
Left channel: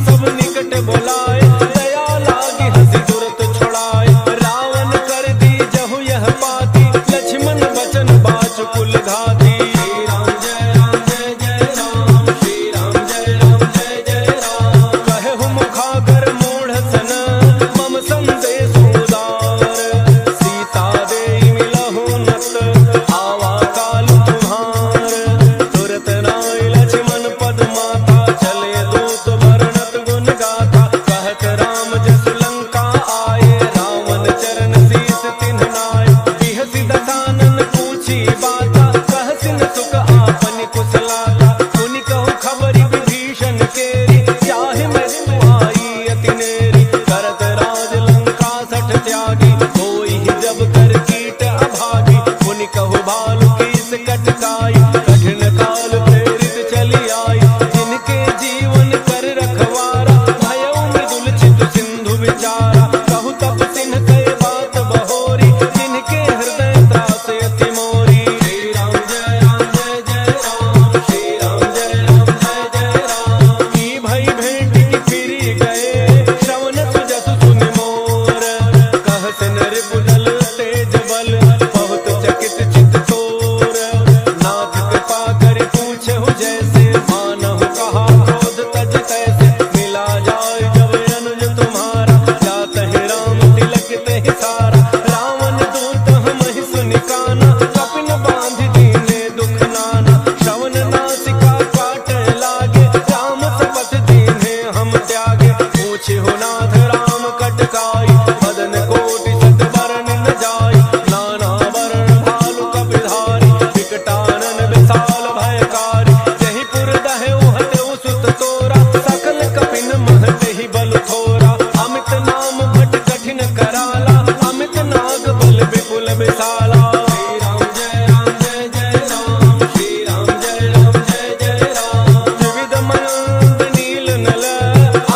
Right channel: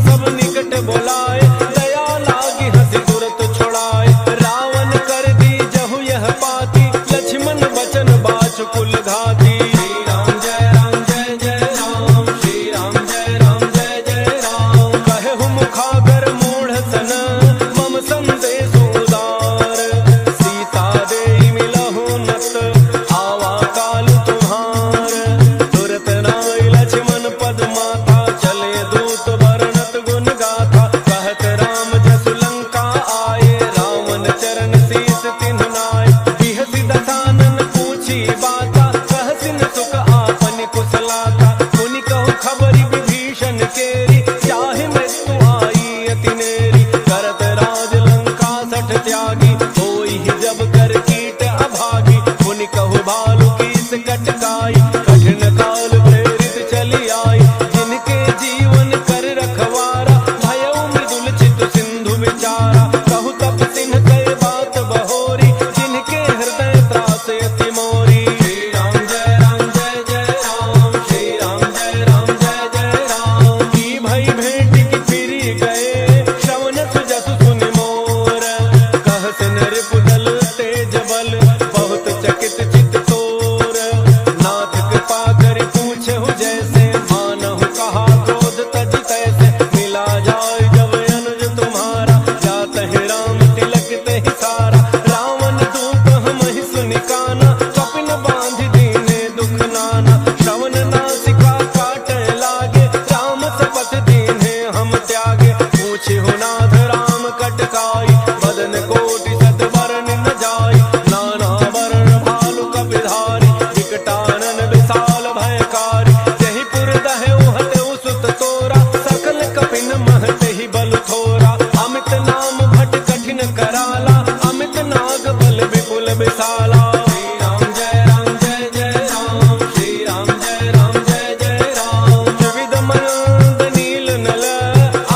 सब निकट बोलाए, दया लागी हंसी तुरत छोड़ाए। रावण कर दी जहु यह पाती, लक्ष्मण बचन बाच कुल घाती। राम जय राम जय जय राम, श्री राम जय राम जय जय राम। कहे मुखागर मूढ़ सन, मम संदेश उदार। सीता दे मिलहु नत, आवा काल तुम्हार। तुरत नाय लक्ष्मण पद माथा, चले दूत वर्णत गुण गाथा। कहत राम जसु लंका आए, रावण चरण शीस तिन्ह नाय। बिहसि दसानन पूछी बाता, कहसिन सुख आपन कुशलाता। मुनि कहु खबरि विभीषण केरी, चाहे मृत्यु आई अति नेरी। करत राज लंका सठ त्यागी, होई जब कर कीट अभागी। मुनि कहु भालु कीस कटकाई, कठिन काल प्रेरित चली आई। जिनके जीवन कर रखवारा, भयउ मृदुल चित सिंधु विचारा। कहु तप सिन्ह कहे बात बहोरी, जिनके हृदय त्रास अति मोरी। श्री राम जय राम जय जय राम, श्री राम जय राम जय जय राम। की भई भेंट की फिरी गए, श्रवण सुजसु सुनि मोर। कहसिन रिपुदल तेज बल, बहुत चकित चित तोर। नाथ कृपा करि पूछहु जैसे, मानहु कहा क्रोध तज तैसे। मिला जाय जब अनुज तुम्हारा, जातहि राम तिलक तेहि सारा। रावण दूत हमहि सुनि काना, कपिन बांधि दीने दुख नाना। श्रवण नासिका काटे लागे, राम शपथ दीन्हे हम त्यागे। पूछहु नाथ राम कटकाई, बदन कोटि सत बरन न जाई। नाना वरण भालु कपिधारी, विकटानन विशाल भयकारी। जहि पुर दहउ हतउ सुत तोरा, सकल कपिन महते बल थोरा। अमित नाम भट कठिन कराला, अमित नाग बल विपुल विशाला। श्री राम जय राम जय जय राम, श्री राम जय राम जय जय राम। त्रिविध मयंद नील नल,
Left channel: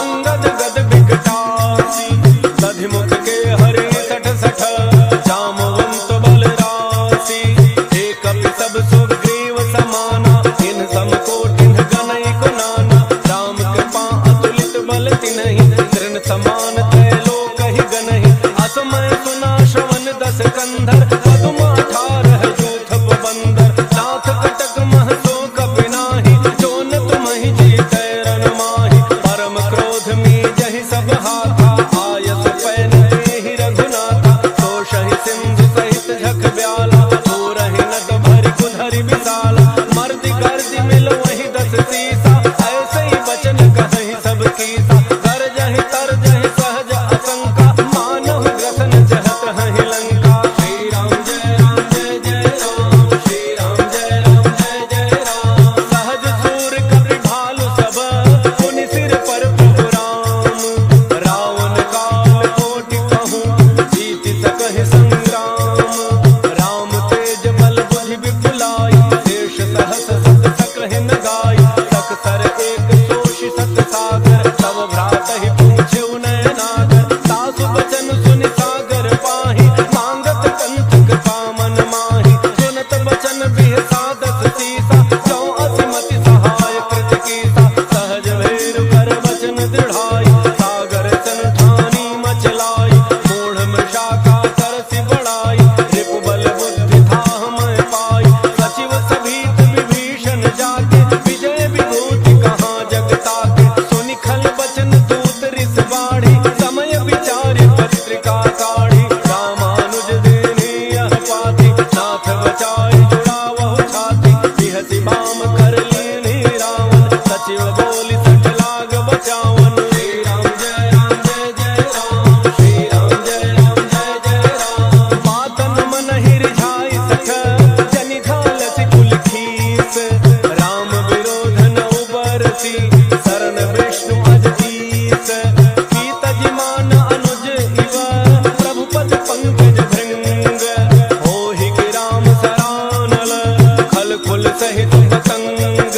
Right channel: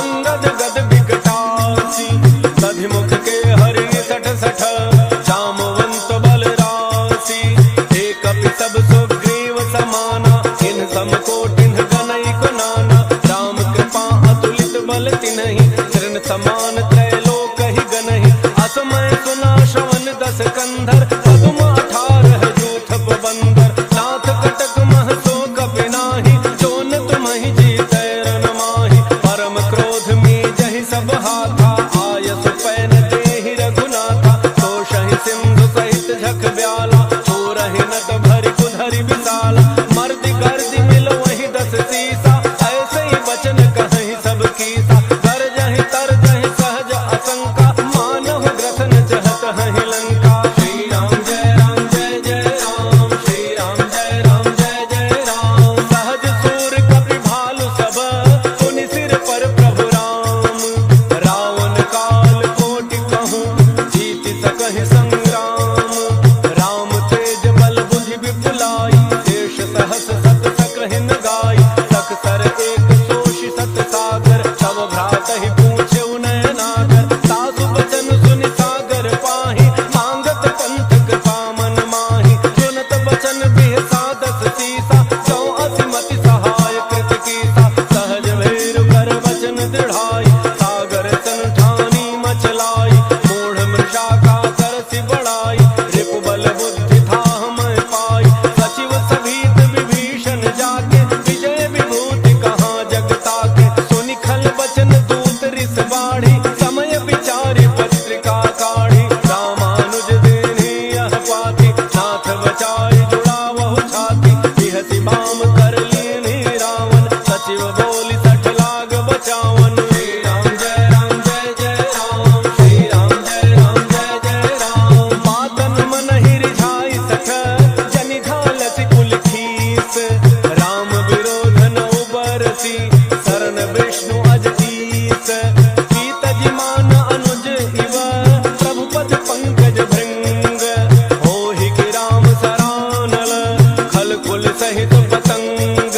अंगद गद विकटासी। दधिमुख के हरिणि सठ सठ, जामवंत बल राशि। एक कपि सब सुग्रीव समाना, इन सम कोटिन गनई को नाना। राम कृपा अतुलित बल तिन्हि, तृण समान त्रैलोक ही गनहि। असमय सुना श्रवण दस कंधर, पदुम 18 जूथ बंदर। नाथ कटक मह सो कपि नाही, जोन तुम्हि जीतै रन माहि। परम क्रोध में जहि सब हाथा, आयस पैन देहि रघुनाथा। तोषहि सिंधु सहित झख ब्याला, तोरहि नट भरि कुधरि विशाला। मर्दि गर्दि मिलो वही 10 सीसा, ऐसे ही बचन कहि सब कीसा। गरजहि तरजहि सहज असंका, मानहु ग्रसन जहत हहि लंका। श्री राम जय राम जय जय राम, श्री राम जय राम जय जय राम। सहज सूर कपि भालु सब, पुनि सिर पर प्रभु राम। रावण काल कोटि कहूँ, जीत सकहि संग्राम। राम तेज बल बुद्धि विपुलाई, देश सहस सत सकहि न गाई। तक सर एक सोषि सत सागर, तब भ्रात ही पूछे उनय नागर। सासु बचन सुनि सागर पाहि, मांगत पंथक पामन माहि। सुनत बचन बिहसा 10 सीसा, जो असिमति सहाय कृत कीसा। सहज भैरु कर बचन दृढ़ाई, सागर सन ठानी मचलाई। मूढ़ मृषा का तरसि बढ़ाई, रिपु बल बुद्धि था मैं पाई। सचिव सभीत विभीषण जाके, विजय विभूति कहाँ जग ताके। सुनि खल बचन दूत रिस बाढ़ी, समय विचारि पत्रिका काढ़ी। रामानुज देहि यह पाती, नाथ बचाई जुड़ावहु छाती। बिहसि बाम कर लीन्हि रावण, सचिव बोली 60 लाग बचावन। श्री राम जय राम जय जय राम, श्री राम जय राम जय जय राम। बातन मन ही रिझाई 60, जनि घालसि कुल खीस। राम विरोध न उबरसी, शरण विष्णु अजईस। पीतजि मान अनुज इव, प्रभु पद पंकज भृंग। होहि कि राम सरानल, खल कुल सहित पतंग।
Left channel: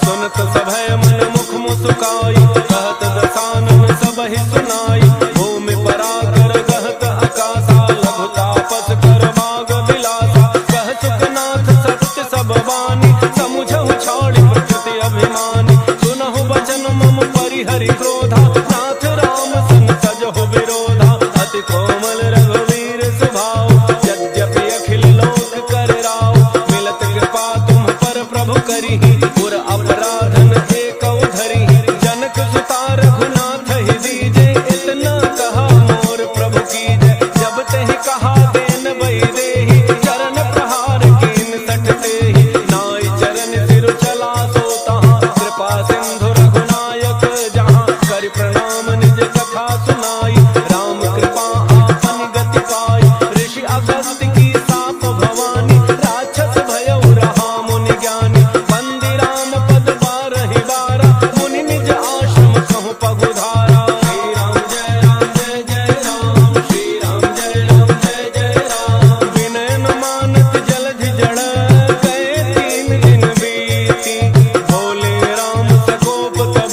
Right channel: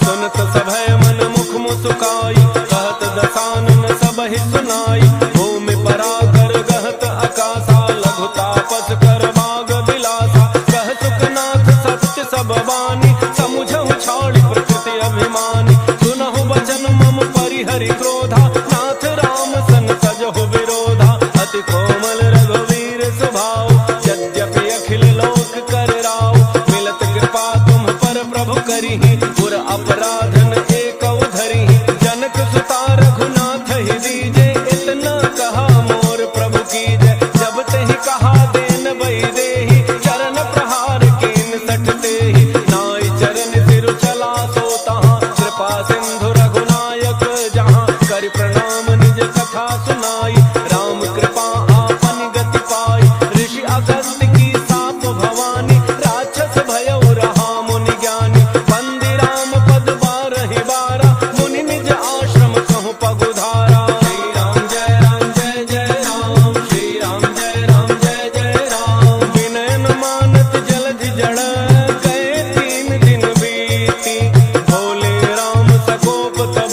सुनत सभय मन मुख मुस्काई, कहत दसानन सबहि सुनाई। भूमि पराकर गहत आकाशा, लघु तापस कर बाग बिलासा। कह सुखनाथ सत्य सब बानी, समुझहु छाड़ी प्रकृति अभिमानी। सुनहु बचन मम परिहरि करि क्रोधा, नाथ राम सन तजहु विरोधा। अति कोमल रघुवीर स्वभाव, यद्यपि अखिल लोक कर राव। मिलत कृपा तुम पर प्रभु करिहि, पुर अपराधन एकौ धरिहि। जनक सुता रघुनाथ ही दीजे, इतना कहा मोर प्रभु कीजय। जब तेहि कहा देन बई देहि, चरण प्रहार कीन सठते ही। नाई चरण सिर चला सो तहाँ, कृपा सिंधु रघुनायक जहाँ। करि प्रणाम निज कथा सुनाई, राम कृपा आपन गति पाई। ऋषि अगस्त्य की साप भवानी, राक्षस भयउ रहा मुनि ज्ञानी। बंदी राम पद बारहि बारा, मुनि निज आश्रम कहु पगुधारा। श्री राम जय राम जय जय राम, श्री राम जय राम जय जय राम। विनय न मानत जलधि जड़, गए 3 दिन बीती। भोले राम सकोप तब,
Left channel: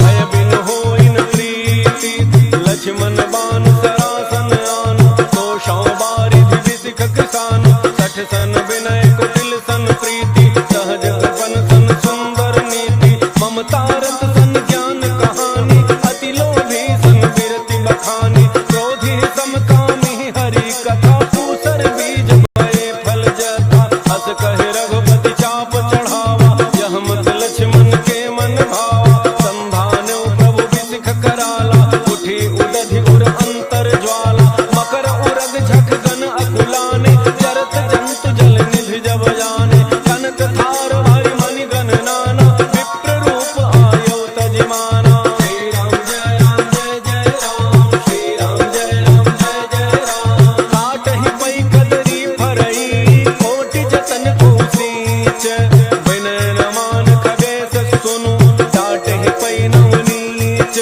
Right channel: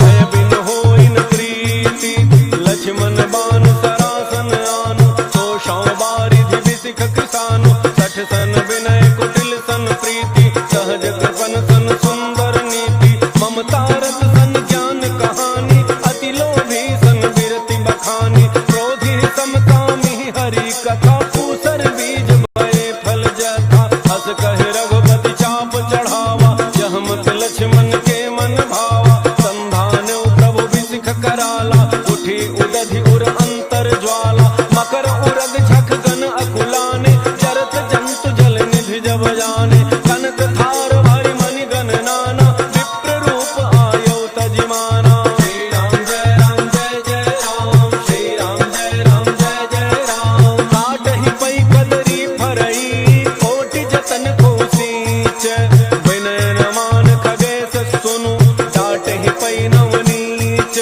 भय बिन होई न प्रीति। लक्ष्मण बान सरासन आनु, तोषौ बारिधि बिसिख कृसानु। 60 सन विनय कुटिल सन प्रीति, सहज कृपन सन सुंदर नीति। ममता रत सन ज्ञान कहानी, अति लोभी सन बिरति बखानी। क्रोधी समकामी हरि कथा, पूसर बीज भये फल जथा। हस कहे रघुपति चाप चढ़ावा, यह मत लक्ष्मण के मन भावा। संधान प्रभु बिसिख कराला, उठी उदधि उर अंतर ज्वाला। मकर उरग झक गन अकुलाने, जरत जंतु जल निधि जब जाने। कनक थार भरि मणि गण नाना, विप्र रूप आयौ तजिमाना। श्री राम जय राम जय जय राम, श्री राम जय राम जय जय राम। काटहि पै कदरी फरई, कोटि जतन को सींच। विनय न मान खगेश सुनु, डाटहि पै नवनीच।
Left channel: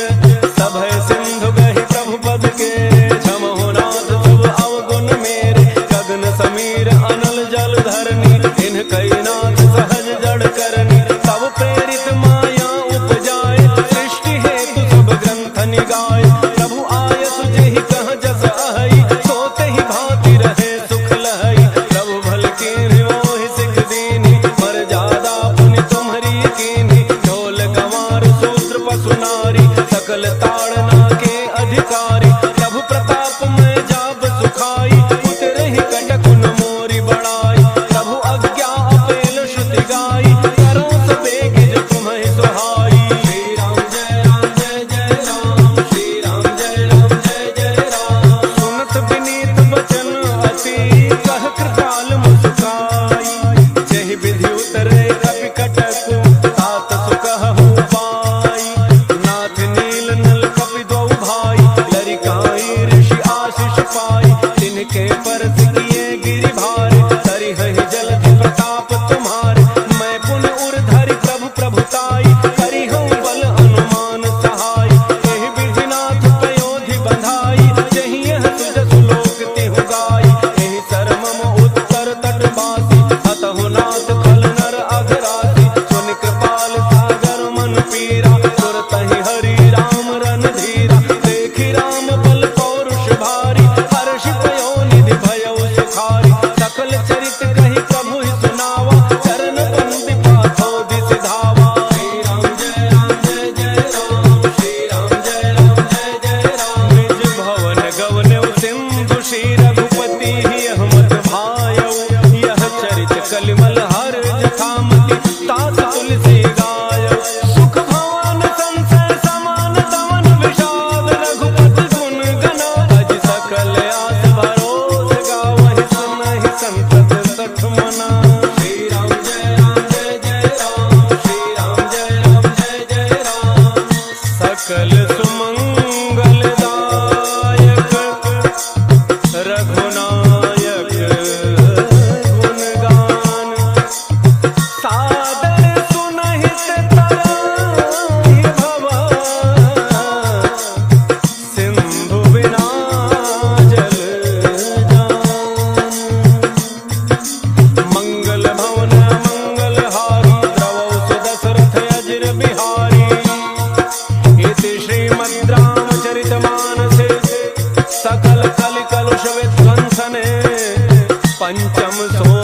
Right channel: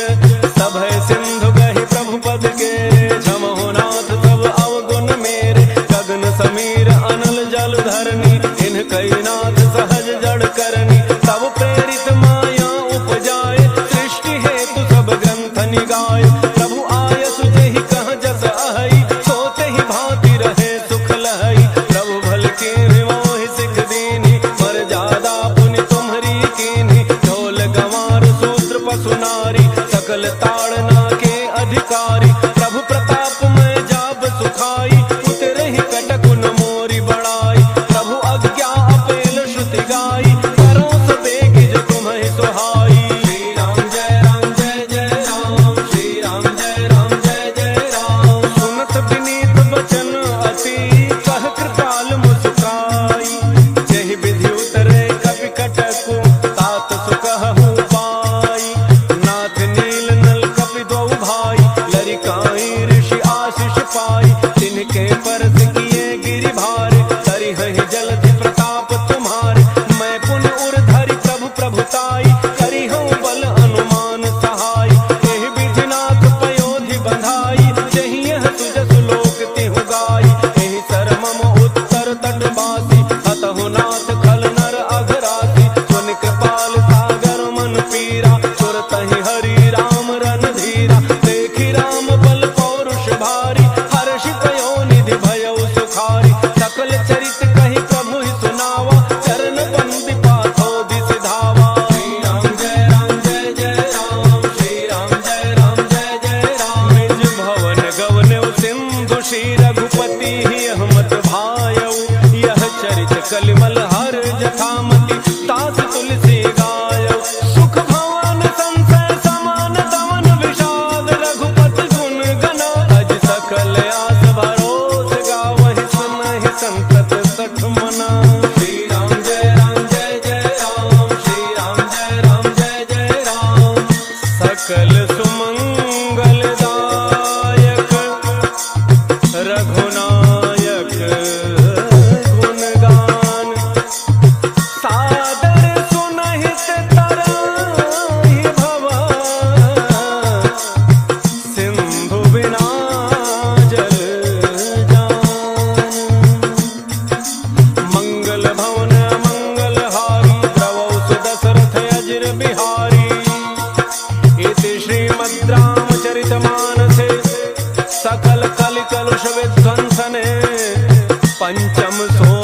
सभय सिंधु गहि प्रभु पद के, क्षमहु नाथ तब अवगुण मेरे। गगन समीर अनल जल धरनी, इन कई नाथ सहज जड़ करनी। तब प्रेरित माया उपजाए, सृष्टि हेतु सब ग्रंथ निगाए। प्रभु आयसु जेहि कह जस अहई, सोते ही भांति रहे सुख लहई। प्रभु भल कीन्हि मोहि सिख दीन्हि, मर्यादा पुनि तुम्हरी कीन्हि। ढोल गंवार सूत्र पशु नारी, सकल ताड़ना के अधिकारी। प्रभु प्रताप में जाब सुखाई, उतरहि कटकुन मोरी बड़ाई। प्रभु अज्ञा अपेल श्रुति गाई, करो सो बेगिज तुम्हि सुहाई। श्री राम जय राम जय जय राम, श्री राम जय राम जय जय राम। सुनत विनीत बचन अति, कह कृपाल मुस्काई। जहि विधि उतरे कपि कटकु, तात सुकहु पाई। नाथ नील नल कपि द्वौ भाई, लरिकाई ऋषि आशीष पाई। तिनके परस किए गिरि भारे, करिहहि जलधि प्रताप तुम्हारे। मैं पुन उर धरि प्रभु प्रभुताई, करिहउँ बल अनुमान सहाय। एहि विधि नाथ पयोधि बंधाई, जहि यह तुजसु लोक तिहु गाई। एहि सरमम उत्तर तट बासी, हतहु नाथ खल नर अघरासी। सुनि कृपाल सागर मन पीरा, सुरतहि हरि राम रन धीरा। देखि राम बल पौरुष भारी, हर्षि पयो निधि भयउ सुखारी। सकल चरित कहि प्रभु ही सुनावा, चरण बंदी पाथो दिस धावा। श्री राम जय राम जय जय राम, श्री राम जय राम जय जय राम। निज भवन गवनेउ सिंधु, श्री रघुपति ही अहमत भायउ। यह चरित कलिमल हर जथामति, तास तुलसी गायउ। सुख भवन संसय समान दमन विषाद, रघुपति गुण गना। अज सकल आस भरोस गावहि, सुनहि संतत सठ मना। श्री राम जय राम जय जय राम, श्री राम जय राम जय जय राम। सकल सुमंगल दायक, रघुनायक गुणगान। सादर सुनहित तराहि भवा, सिंधु बिना जल जान। मंगल भवन मंगल हारी, द्रवौ सुदशरथ अजिर बिहारी। इति श्रीमद् रामचरितमानसे, सकल कलि कलुष विध्वंसने। पंचम सो